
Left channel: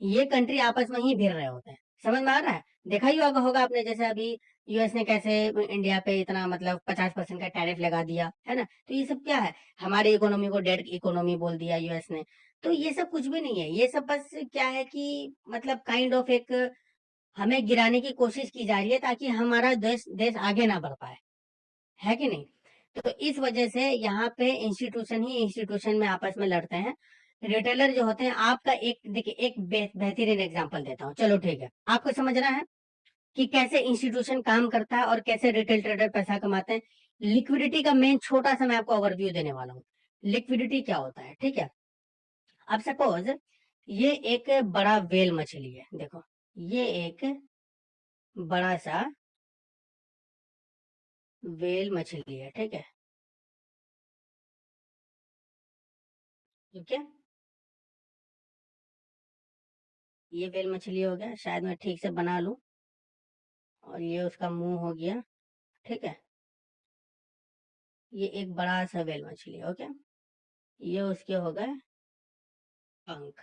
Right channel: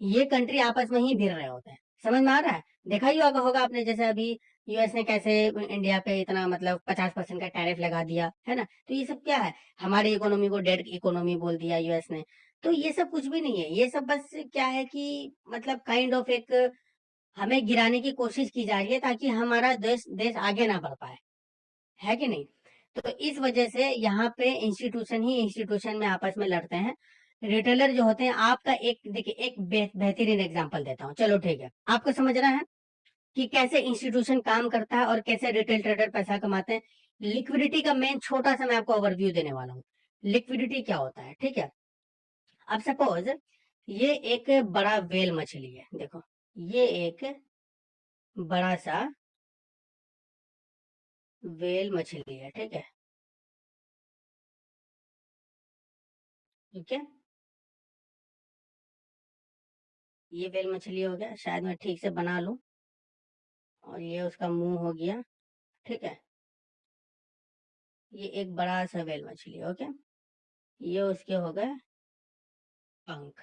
ये कंट्री आपस में ही भिड़ रहे होते हैं। समझ में आ रहा है? देखा ही होगा आपने, जैसे अभी यूएस ने कैसे इंडिया पे इतना मतलब 50% का टैरिफ लगा दिया, है ना। तो ये सब क्या है? हमारी इकोनॉमी को डेड इकोनॉमी बोल दिया यूएस ने। तो ये सब कुछ भी नहीं है, ये सब बस क्या है कि मतलब काइंड ऑफ एक हमें गिराने की कोशिश की जा रही है ताकि हमारा देश देश आगे ना बढ़ पाए, है कि नहीं। तो इस वजह से यहाँ पे इंस्टीट्यूशन ही इंस्टीट्यूशन में आपस में लड़ते हैं। रिटेलर जो होते हैं, आपका एक देखिए, एक बेहतरीन एग्जांपल देता हूँ, चलो ठीक है, आपको समझ रहा है कि कैसे इंस्टीट्यूशन काम करता है और कैसे रिटेल ट्रेडर पैसा कमाते हैं। लिक्विडिटी का मेन छोटा सा मैं आपको ओवरव्यू देने वाला हूँ। लिक्विडिटी क्या होता है? ठीक है, अब सपोज ये एक बड़ा वेल मछली है, देखो ये एक बड़ा सा वेल मछली है। ठीक है, ठीक है, ये वेल मछली हो गया, शायद मैं ठीक से बना लूं, और ये उसका मुंह हो गया। ठीक है, ये एक बड़ा सा वेल मछली, ओके, ये उसके हो गए पंख।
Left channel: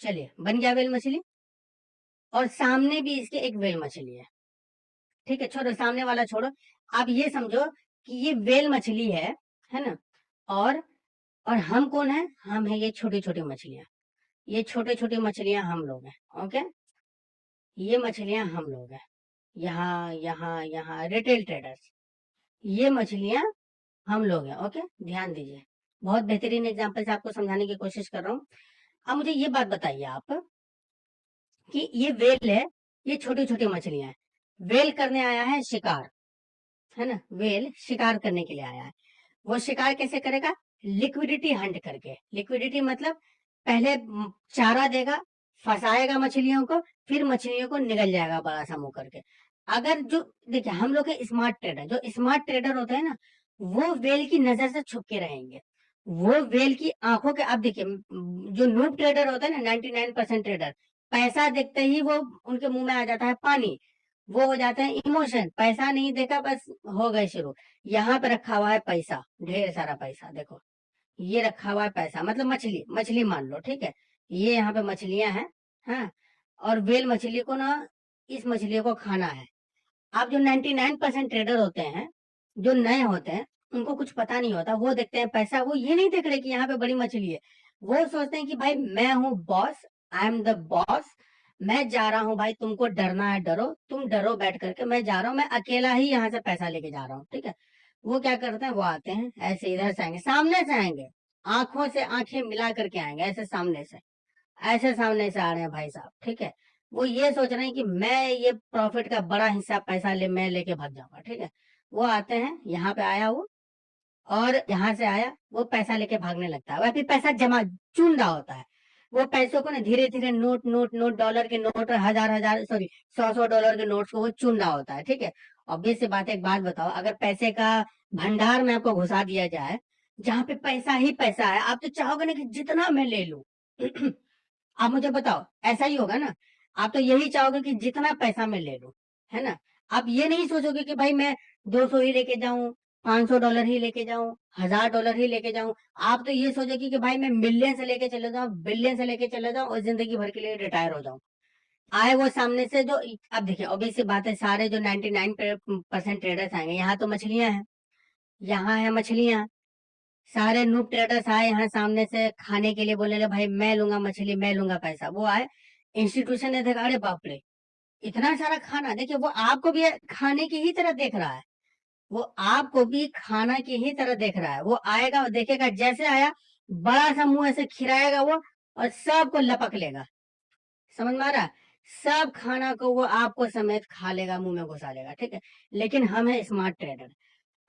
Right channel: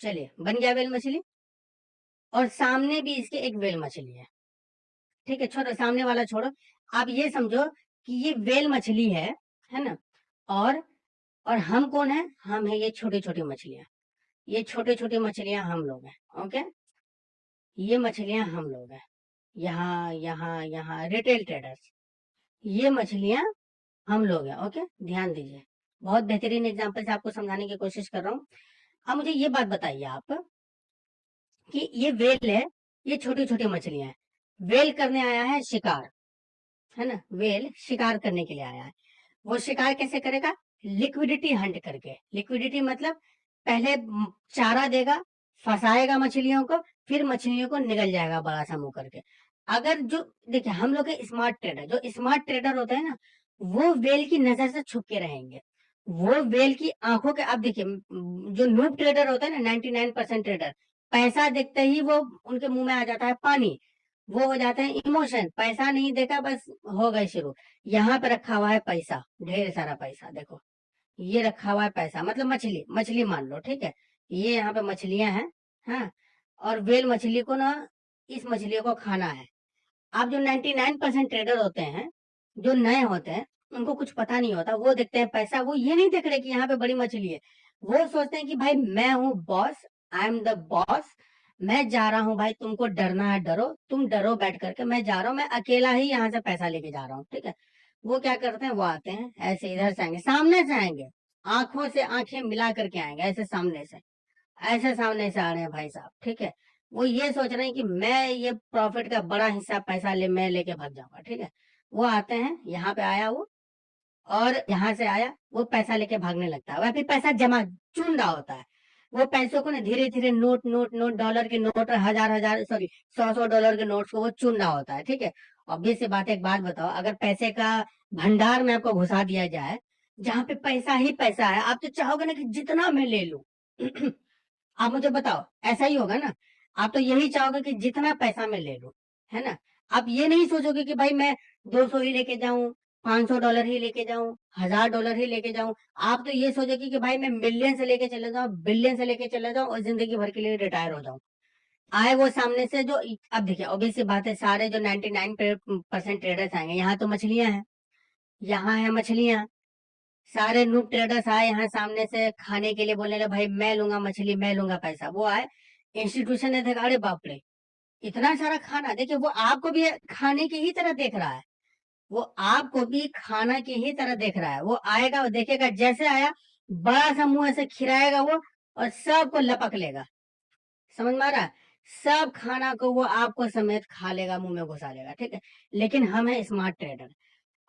चलिए, बन गया वेल मछली, और सामने भी इसके एक वेल मछली है। ठीक है, छोड़ो सामने वाला छोड़ो, आप ये समझो कि ये वेल मछली है ना। और और हम कौन है? हम है ये छोटी छोटी मछलियां, ये छोटे छोटी मछलियां हम लोग हैं। ओके, ये मछलियां हम लोग हैं, यहाँ यहाँ यहाँ रिटेल ट्रेडर्स, ये मछलियां हम लोग हैं। ओके, ध्यान दीजिए, बहुत बेहतरीन एग्जांपल से आपको समझाने की कोशिश कर रहा हूँ। अब मुझे ये बात बताइए आप कि ये वेल है, ये छोटी छोटी मछलियां हैं। वेल करने आया है शिकार, है ना, वेल शिकार करने के लिए आया है। वो शिकार कैसे करेगा? लिक्विडिटी हंट करके। लिक्विडिटी मतलब पहले चारा देगा, फंसाएगा मछलियों को, फिर मछलियों को निगल जाएगा बड़ा सा मुंह करके। अगर जो देखिए, हम लोग के स्मार्ट ट्रेडर, जो स्मार्ट ट्रेडर होते हैं ना, वो वेल की नजर से छुप के रहेंगे, वो वेल की आंखों के। आप देखिए, जो नूब ट्रेडर होता है ना, 99% ट्रेडर, पैसा देखते ही वो उनके मुंह में आ जाता है पानी, वो हो जाते हैं इमोशन। पैसा नहीं देखा, बस हो गए शुरू। यहाँ पे रखा हुआ है पैसा, ढेर सारा पैसा, देखो ये रखा हुआ है पैसा, मतलब मछली मछली मान लो। ठीक है, ये यहाँ पे मछलियां हैं, हाँ, और वेल मछली को ना, इस मछली को खाना है। आप जो 99% ट्रेडर होते हैं, जो नए होते हैं, उनको कुछ पता नहीं होता, वो देखते हैं पैसा, वो ये नहीं देख रहे कि यहाँ पे बड़ी मछली है। वो सोचते हैं कि भाई मैं हूँ boss, I am the boss, मैं जा रहा हूँ भाई, तुमको डरना है डरो, तुम डरो बैठ करके, मैं जा रहा हूँ, मैं अकेला ही यहाँ से पैसा लेके जा रहा हूँ। ठीक है, वो क्या करते हैं, वो आते हैं ऐसे, इधर से आएंगे, सामने से आएंगे, आंखों से आंखें मिला करके आएंगे, ऐसे सामने से, ऐसे सामने से आ रहे हैं भाई साहब। ठीक है, वो ये सोच रहे हैं कि मैं ये प्रॉफिट का बड़ा हिस्सा पैसा मैं लेके भाग जाऊंगा। ठीक है, वो आते हैं, यहाँ पे आया वो, और यहाँ से आया वो पैसा लेके भागने लगता है, वह फिर पैसा जमा चुन रहा होता है। वो पैसों को ना धीरे धीरे नोट नोट नोट, डॉलर के नोट, हजार हजार सॉरी 100 100 डॉलर के नोट्स को वो चुन रहा होता है। ठीक है, ऑब्वियस सी बात है, एक बात बताओ, अगर पैसे का भंडार में आपको घुसा दिया जाए, जहाँ पे पैसा ही पैसा है, आप तो चाहोगे ना कि जितना मैं ले लूं। आप मुझे बताओ, ऐसा ही होगा ना? आप तो यही चाहोगे कि जितना पैसा मैं ले लूं, है ना। आप ये नहीं सोचोगे कि भाई मैं 200 ही लेके जाऊं, 500 डॉलर ही लेके जाऊं, 1000 डॉलर ही लेके जाऊं। आप तो ये सोचोगे कि भाई मैं मिलियन से लेके चले जाऊं, बिलियन से लेके चले जाऊं, और जिंदगी भर के लिए रिटायर हो जाऊं। आए वो सामने से जो, अब देखिए ऑब्वियस सी बात है, सारे जो 99% ट्रेडर्स आएंगे, यहाँ तो मछलियां हैं, यहाँ है मछलियां, सारे नूब ट्रेडर्स आए यहाँ सामने से खाने के लिए, बोले भाई मैं लूंगा मछली, मैं लूंगा पैसा। वो आए, इंस्टीट्यूशन ने देखा, अरे बाप रे इतना सारा खाना। देखिए वो आपको भी खाने की ही तरह देख रहा है, वो आपको भी खाना की ही तरह देख रहा है। वो आएगा, वो देखेगा, जैसे आया बड़ा सा मुंह ऐसे खिराएगा वो, और सबको लपक लेगा। समझ में आ रहा है? सब खाना को वो आपको समेत खा लेगा, मुंह में घुसा लेगा, ठीक है। लेकिन हम है स्मार्ट ट्रेडर।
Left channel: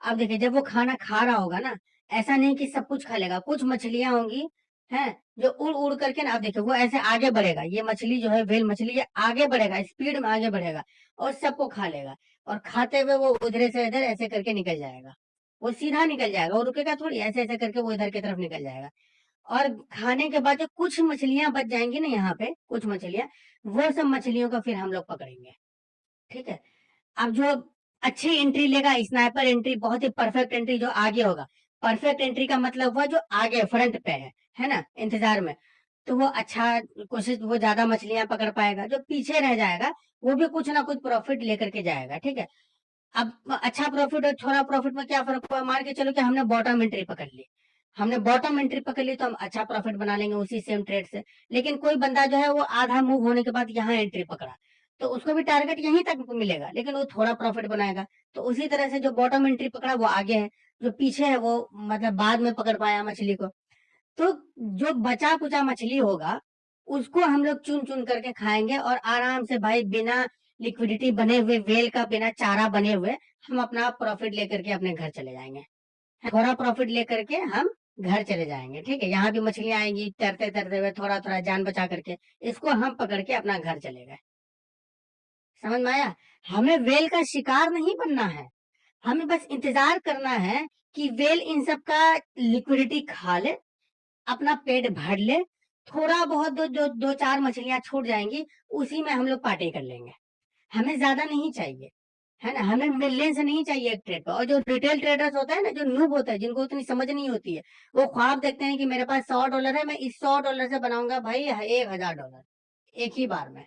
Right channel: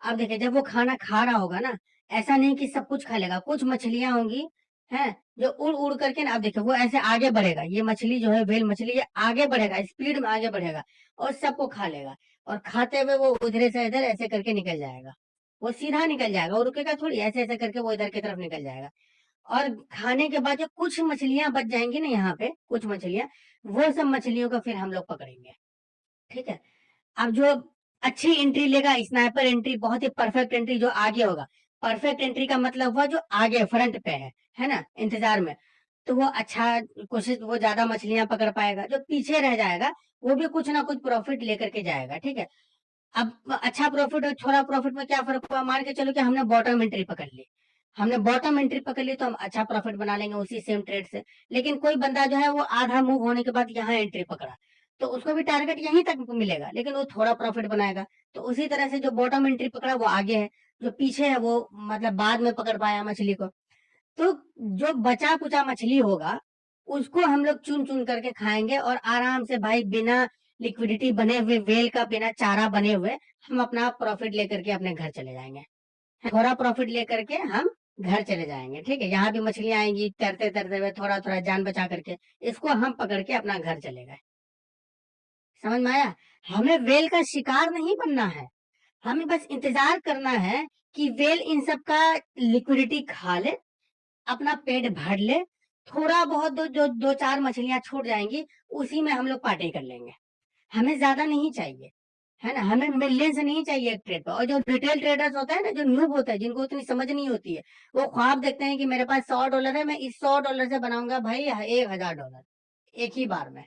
अब देखिए जब वो खाना खा रहा होगा ना, ऐसा नहीं कि सब कुछ खा लेगा, कुछ मछलियां होंगी हैं जो उड़ उड़ करके ना, अब देखिए वो ऐसे आगे बढ़ेगा, ये मछली जो है वेल मछली, ये आगे बढ़ेगा, स्पीड में आगे बढ़ेगा और सबको खा लेगा। और खाते हुए वो उधर से इधर ऐसे करके निकल जाएगा, वो सीधा निकल जाएगा, वो रुकेगा थोड़ी, ऐसे ऐसे करके वो इधर की तरफ निकल जाएगा। और खाने के बाद जो कुछ मछलियां बच जाएंगी ना यहाँ पे, कुछ मछलियां, वो सब मछलियों का फिर हम लोग पकड़ेंगे, ठीक है। अब जो अच्छी एंट्री लेगा, स्नाइपर एंट्री, बहुत ही परफेक्ट एंट्री जो आगे होगा। परफेक्ट एंट्री का मतलब हुआ जो आगे फ्रंट पे है ना, इंतजार में, तो वो अच्छा कोशिश, वो ज्यादा मछलियां पकड़ पाएगा। जो पीछे रह जाएगा वो भी कुछ ना कुछ प्रॉफिट लेकर के जाएगा, ठीक है। अब अच्छा प्रॉफिट और थोड़ा प्रॉफिट में क्या फर्क हुआ, मान के चलो कि हमने बॉटम एंट्री पकड़ ली, हमने बॉटम एंट्री पकड़ ली, तो हम अच्छा प्रॉफिट बना लेंगे उसी सेम ट्रेड से। लेकिन कोई बंदा जो है वो आधा मूव होने के बाद यहाँ एंट्री पकड़ा, तो उसको भी टारगेट यहीं तक मिलेगा, लेकिन वो थोड़ा प्रॉफिट बनाएगा। तो उसी तरह से जो बॉटम एंट्री पकड़ा वो आगे है, जो पीछे है वो मतलब बाद में पकड़ पाया मछली को। तो जो बचा कुचा मछली होगा उसको हम लोग चुन चुन करके खाएंगे, और आराम से भाई बिना लिक्विडिटी बने हुए, वेल का बिना चारा बने हुए, हम अपना प्रॉफिट लेकर के अपने घर चले जाएंगे। थोड़ा प्रॉफिट लेकर के हम घर चले जाएंगे, ठीक है। यहाँ भी मछलियां आएंगी तैरते तैरते हुए, थोड़ा थोड़ा जान बचा करके, इसको हम पकड़ के अपना घर चले गए। समझ में आया? हमें वेल का शिकार नहीं बनना है, हमें बस इंतजार करना है कि वेल इन सब का लिक्विडिटी खा ले, अपना पेट भर ले, थोड़ा बहुत जो दो चार मछलियां छूट जाएंगी, उसी में हम लोग पार्टी कर लेंगे। हमें ज्यादा नहीं चाहिए, है ना, हमें मिलियंस नहीं चाहिए एक ट्रेड पर। और जो रिटेल ट्रेडर्स होता है ना, जो नूब होता है, जिनको उतनी समझ नहीं होती है, वो ख्वाब देखते हैं कि मेरे पास $100 है, मैं इस $100 से बनाऊंगा भाई $1000 एक ही बार में,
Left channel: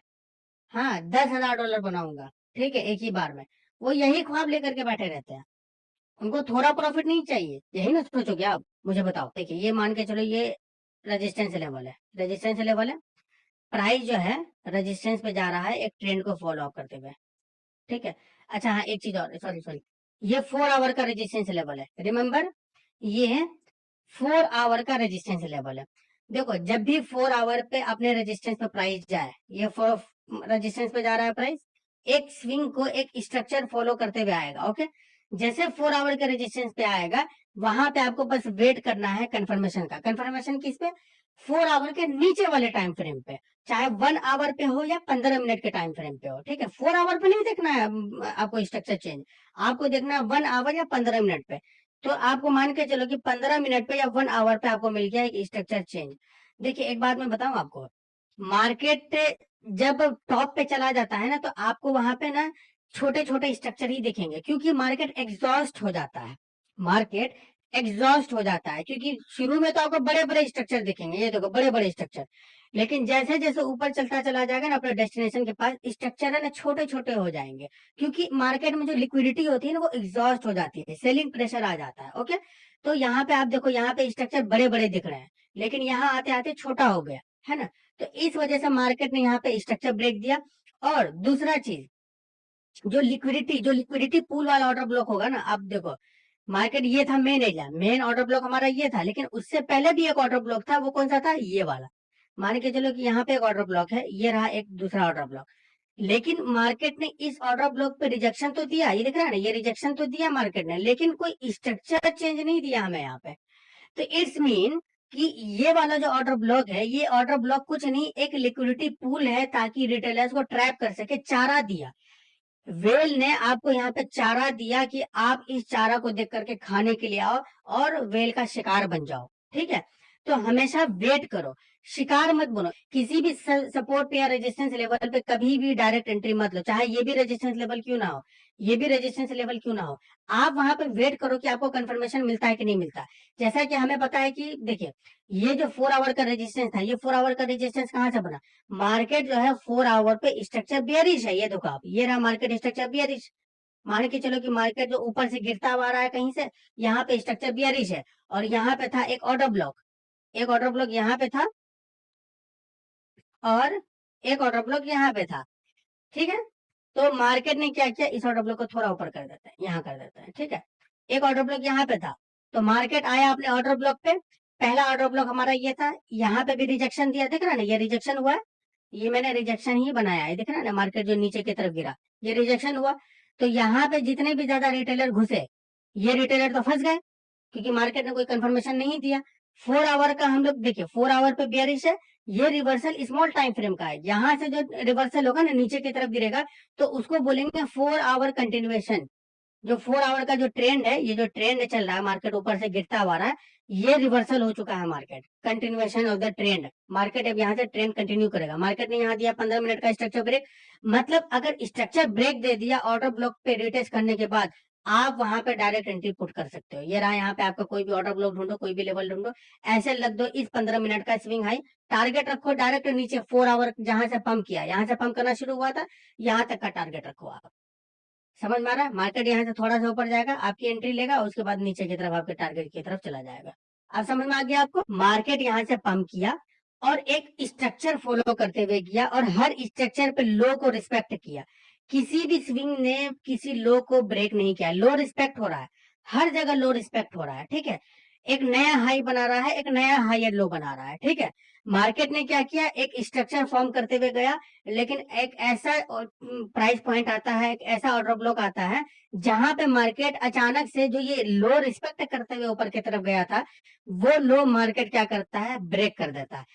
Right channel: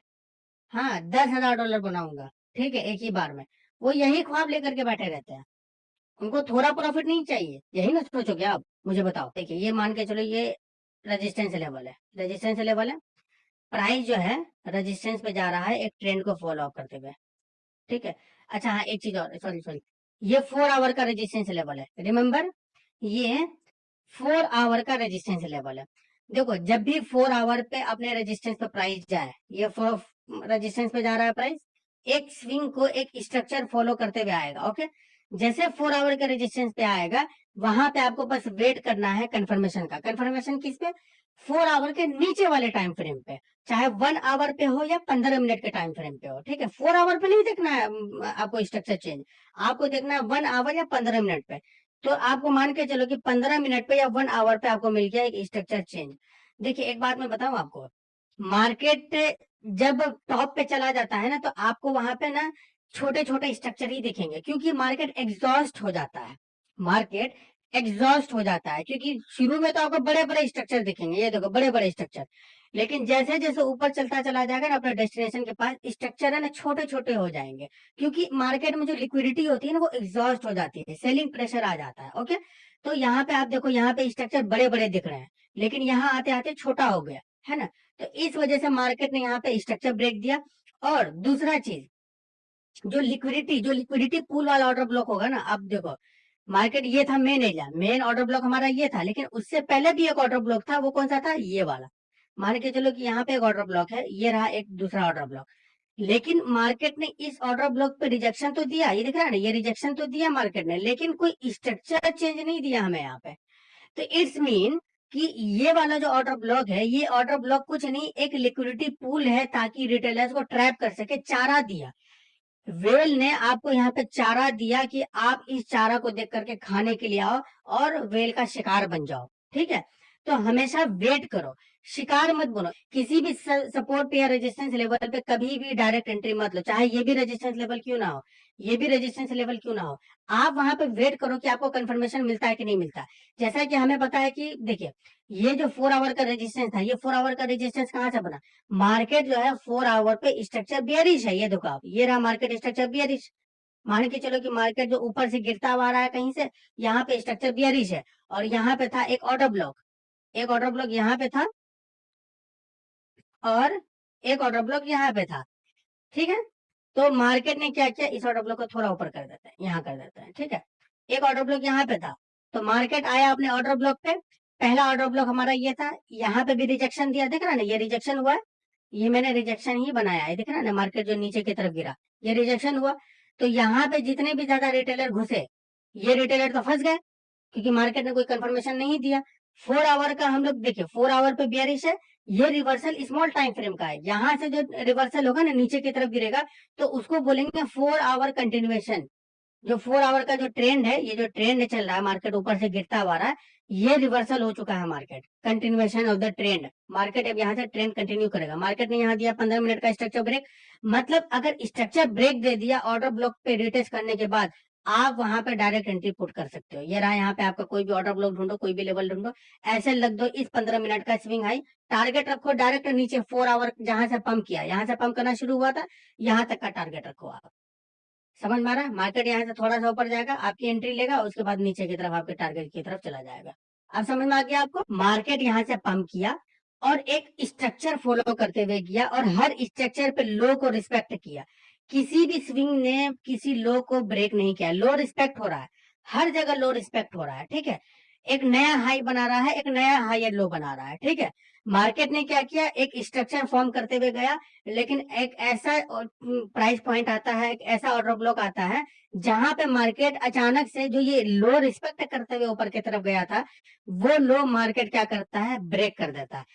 हाँ $10,000 बनाऊंगा, ठीक है, एक ही बार में। वो यही ख्वाब लेकर के बैठे रहते हैं, उनको थोड़ा प्रॉफिट नहीं चाहिए। यही ना सोचोगे आप? मुझे बताओ। देखिए ये मान के चलो, ये रेजिस्टेंस लेवल है, रेजिस्टेंस लेवल है, प्राइस जो है रेजिस्टेंस पे जा रहा है एक ट्रेंड को फॉलो अप करते हुए, ठीक है। अच्छा हाँ, एक चीज और, सॉरी सॉरी, ये 4 आवर का रेजिस्टेंस लेवल है, रिमेम्बर, ये 4 आवर का रेजिस्टेंस लेवल है। देखो जब भी 4 आवर पे अपने रेजिस्टेंस पे प्राइस जाए, ये रेजिस्टेंस पे जा रहा है प्राइस, एक स्विंग को एक स्ट्रक्चर फॉलो करते हुए आएगा, ओके। जैसे 4 आवर के रेजिस्टेंस पे आएगा, वहां पे आपको बस वेट करना है कंफर्मेशन का। कंफर्मेशन किस पे? 4 आवर के नीचे वाले टाइम फ्रेम पे, चाहे 1 आवर पे हो या 15 मिनट के टाइम फ्रेम पे हो, ठीक है। 4 आवर पे नहीं देखना है आपको स्ट्रक्चर चेंज, आपको देखना है 1 आवर या 15 मिनट पे। तो आपको मान के चलो कि 15 मिनट पे या 1 आवर पे आपको मिल गया एक स्ट्रक्चर चेंज। देखिए एक बात मैं बताऊं आपको, मार्केट जब टॉप पे चला जाता है ना, तो आपको वहां पे ना छोटे छोटे स्ट्रक्चर ही दिखेंगे, क्योंकि मार्केट एग्जॉस्ट हो जाता है, मार्केट एग्जॉस्ट हो जाता है। क्योंकि शुरू में तो आपको बड़े बड़े स्ट्रक्चर दिखेंगे, ये देखो बड़े बड़े स्ट्रक्चर, लेकिन जैसे जैसे ऊपर चलता चला जाएगा ना अपने डेस्टिनेशन के पास, स्ट्रक्चर है ना छोटे छोटे हो जाएंगे, क्योंकि मार्केट में जो लिक्विडिटी होती है ना वो एग्जॉस्ट हो जाती है, सेलिंग प्रेशर आ जाता है, ओके। तो यहाँ पे आप देखो, यहाँ पे स्ट्रक्चर बड़े बड़े दिख रहे हैं, लेकिन यहाँ आते आते छोटा हो गया, है ना। तो इस वजह से मार्केट ने यहाँ पे स्ट्रक्चर ब्रेक दिया। और दूसरा चीज, जो लिक्विडिटी पूल वाला ऑर्डर ब्लॉक होगा ना, अब देखो मार्केट ये था main area, main order block हमारा ये था, लेकिन उससे पहले भी एक ऑर्डर ब्लॉक था, वो कौन सा था? ये वाला। मान के चलो कि यहाँ पे एक ऑर्डर ब्लॉक है, ये रहा एक दूसरा ऑर्डर ब्लॉक, लेकिन मार्केट ने इस ऑर्डर ब्लॉक पे रिजेक्शन तो दिया, ये दिख रहा है ना, ये रिजेक्शन तो दिया मार्केट ने, लेकिन कोई स्ट्रक्चर चेंज नहीं दिया हमें यहाँ पे। तो इट्स मीन कि ये वाला जो ऑर्डर ब्लॉक है, ये ऑर्डर ब्लॉक कुछ नहीं, एक लिक्विडिटी पूल है, ताकि रिटेलर्स को ट्रैप कर सके, चारा दिया। वेल ने आपको यहाँ पे चारा दिया कि आप इस चारा को देख करके खाने के लिए आओ और वेल का शिकार बन जाओ, ठीक है। तो हमेशा वेट करो, शिकार मत बनो। किसी भी सपोर्ट पे या रेजिस्टेंस लेवल पे कभी भी डायरेक्ट एंट्री मत लो, चाहे ये भी रेजिस्टेंस लेवल क्यों ना हो, ये भी रेजिस्टेंस लेवल क्यों ना हो। आप वहां पे वेट करो कि आपको कंफर्मेशन मिलता है कि नहीं मिलता। जैसा कि हमें पता है कि देखिए, ये जो 4 आवर का रेजिस्टेंस था, ये 4 आवर का रेजिस्टेंस कहाँ से बना? मार्केट जो है 4 आवर पे स्ट्रक्चर बियरिश है, ये देखो आप, ये रहा मार्केट स्ट्रक्चर बियरिश, मान के चलो कि मार्केट जो ऊपर से गिरता हुआ आ रहा है कहीं से, यहाँ पे स्ट्रक्चर बियरिश है और यहाँ पे था एक ऑर्डर ब्लॉक, एक ऑर्डर ब्लॉक यहाँ पे था और एक ऑर्डर ब्लॉक यहाँ पे था, ठीक है। तो मार्केट ने क्या किया, इस ऑर्डर ब्लॉक को थोड़ा ऊपर कर देता है, यहाँ कर देता है, ठीक है। एक ऑर्डर ब्लॉक यहाँ पे था, तो मार्केट आया अपने ऑर्डर ब्लॉक पे, पहला ऑर्डर ब्लॉक हमारा ये था, यहाँ पे भी रिजेक्शन दिया, दिख रहा है ना, ये रिजेक्शन हुआ है, ये मैंने रिजेक्शन ही बनाया है, दिख रहा है ना, मार्केट जो नीचे की तरफ गिरा, ये रिजेक्शन हुआ। तो यहाँ पे जितने भी ज्यादा रिटेलर घुसे, ये रिटेलर तो फंस गए, क्योंकि मार्केट ने कोई कंफर्मेशन नहीं दिया। 4 आवर का हम लोग देखिए, 4 आवर पे बेयरिश है, ये रिवर्सल स्मॉल टाइम फ्रेम का है, यहाँ से जो रिवर्सल होगा ना नीचे की तरफ गिरेगा, तो उसको बोलेंगे 4 आवर कंटिन्यूएशन। जो 4 आवर का जो ट्रेंड है, ये जो ट्रेंड चल रहा है, मार्केट ऊपर से गिरता हुआ रहा है, ये रिवर्सल हो चुका है, market continuation of the trend. Market अब यहाँ से ट्रेंड कंटिन्यू करेगा। मार्केट ने यहाँ दिया 15 मिनट का स्ट्रक्चर ब्रेक, मतलब अगर स्ट्रक्चर ब्रेक दे दिया ऑर्डर ब्लॉक पे रिटेस्ट करने के बाद, आप वहां पे डायरेक्ट एंट्री पुट कर सकते हो। ये रहा यहाँ पे आपका कोई भी ऑर्डर ब्लॉक ढूंढो, कोई भी लेवल ढूंढो, ऐसे लग दो इस 15 मिनट का स्विंग हाई, टारगेट रखो डायरेक्ट नीचे 4 आवर जहां से पंप किया, यहाँ से पंप करना शुरू हुआ था, यहाँ तक का टारगेट रखो आप। समझ में आ रहा है? मार्केट यहाँ से थोड़ा सा ऊपर जाएगा, आपकी एंट्री लेगा, उसके बाद नीचे की तरफ आपके टारगेट की तरफ चला जाएगा। आप समझ में आ गया आपको? मार्केट यहाँ से पंप किया और एक स्ट्रक्चर फॉलो करते हुए किया और हर स्ट्रक्चर पे लो को रिस्पेक्ट किया। किसी भी स्विंग ने किसी लो को ब्रेक नहीं किया, लो रिस्पेक्ट हो रहा है, हर जगह लो रिस्पेक्ट हो रहा है, ठीक है। एक नया हाई बना रहा है, एक नया हायर लो बना रहा है, ठीक है। मार्केट ने क्या किया, एक स्ट्रक्चर फॉर्म करते हुए गया, लेकिन एक ऐसा प्राइस पॉइंट आता है, एक ऐसा ऑर्डर ब्लॉक आता है, जहां पे मार्केट अचानक से जो ये लो रिस्पेक्ट करते हुए ऊपर की तरफ गया था, वो लो मार्केट क्या करता है, ब्रेक कर देता है।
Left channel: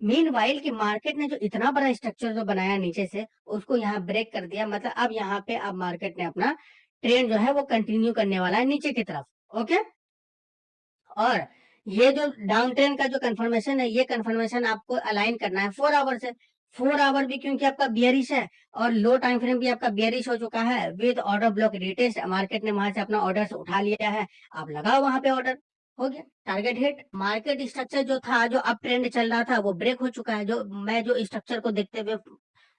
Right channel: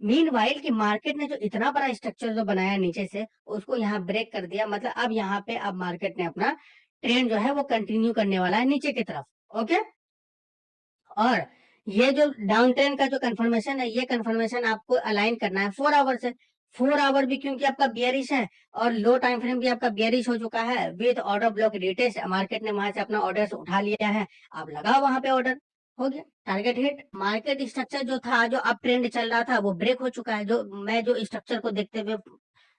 मीन वाइल की मार्केट ने जो इतना बड़ा स्ट्रक्चर जो बनाया नीचे से, उसको यहाँ ब्रेक कर दिया, मतलब अब यहाँ पे अब मार्केट ने अपना ट्रेंड जो है वो कंटिन्यू करने वाला है नीचे की तरफ, ओके। और ये जो डाउन ट्रेंड का जो कंफर्मेशन है, ये कंफर्मेशन आपको अलाइन करना है 4 आवर से। 4 आवर भी क्योंकि आपका बियरिश है और लो टाइम फ्रेम भी आपका बियरिश हो चुका है, with order block retest, market ने वहां से अपना ऑर्डर उठा लिया है, आप लगाओ वहां पे ऑर्डर, हो गया टारगेट हिट। मार्केट स्ट्रक्चर जो था, जो अप ट्रेंड चल रहा था, वो ब्रेक हो चुका है। जो मैं जो स्ट्रक्चर को देखते हुए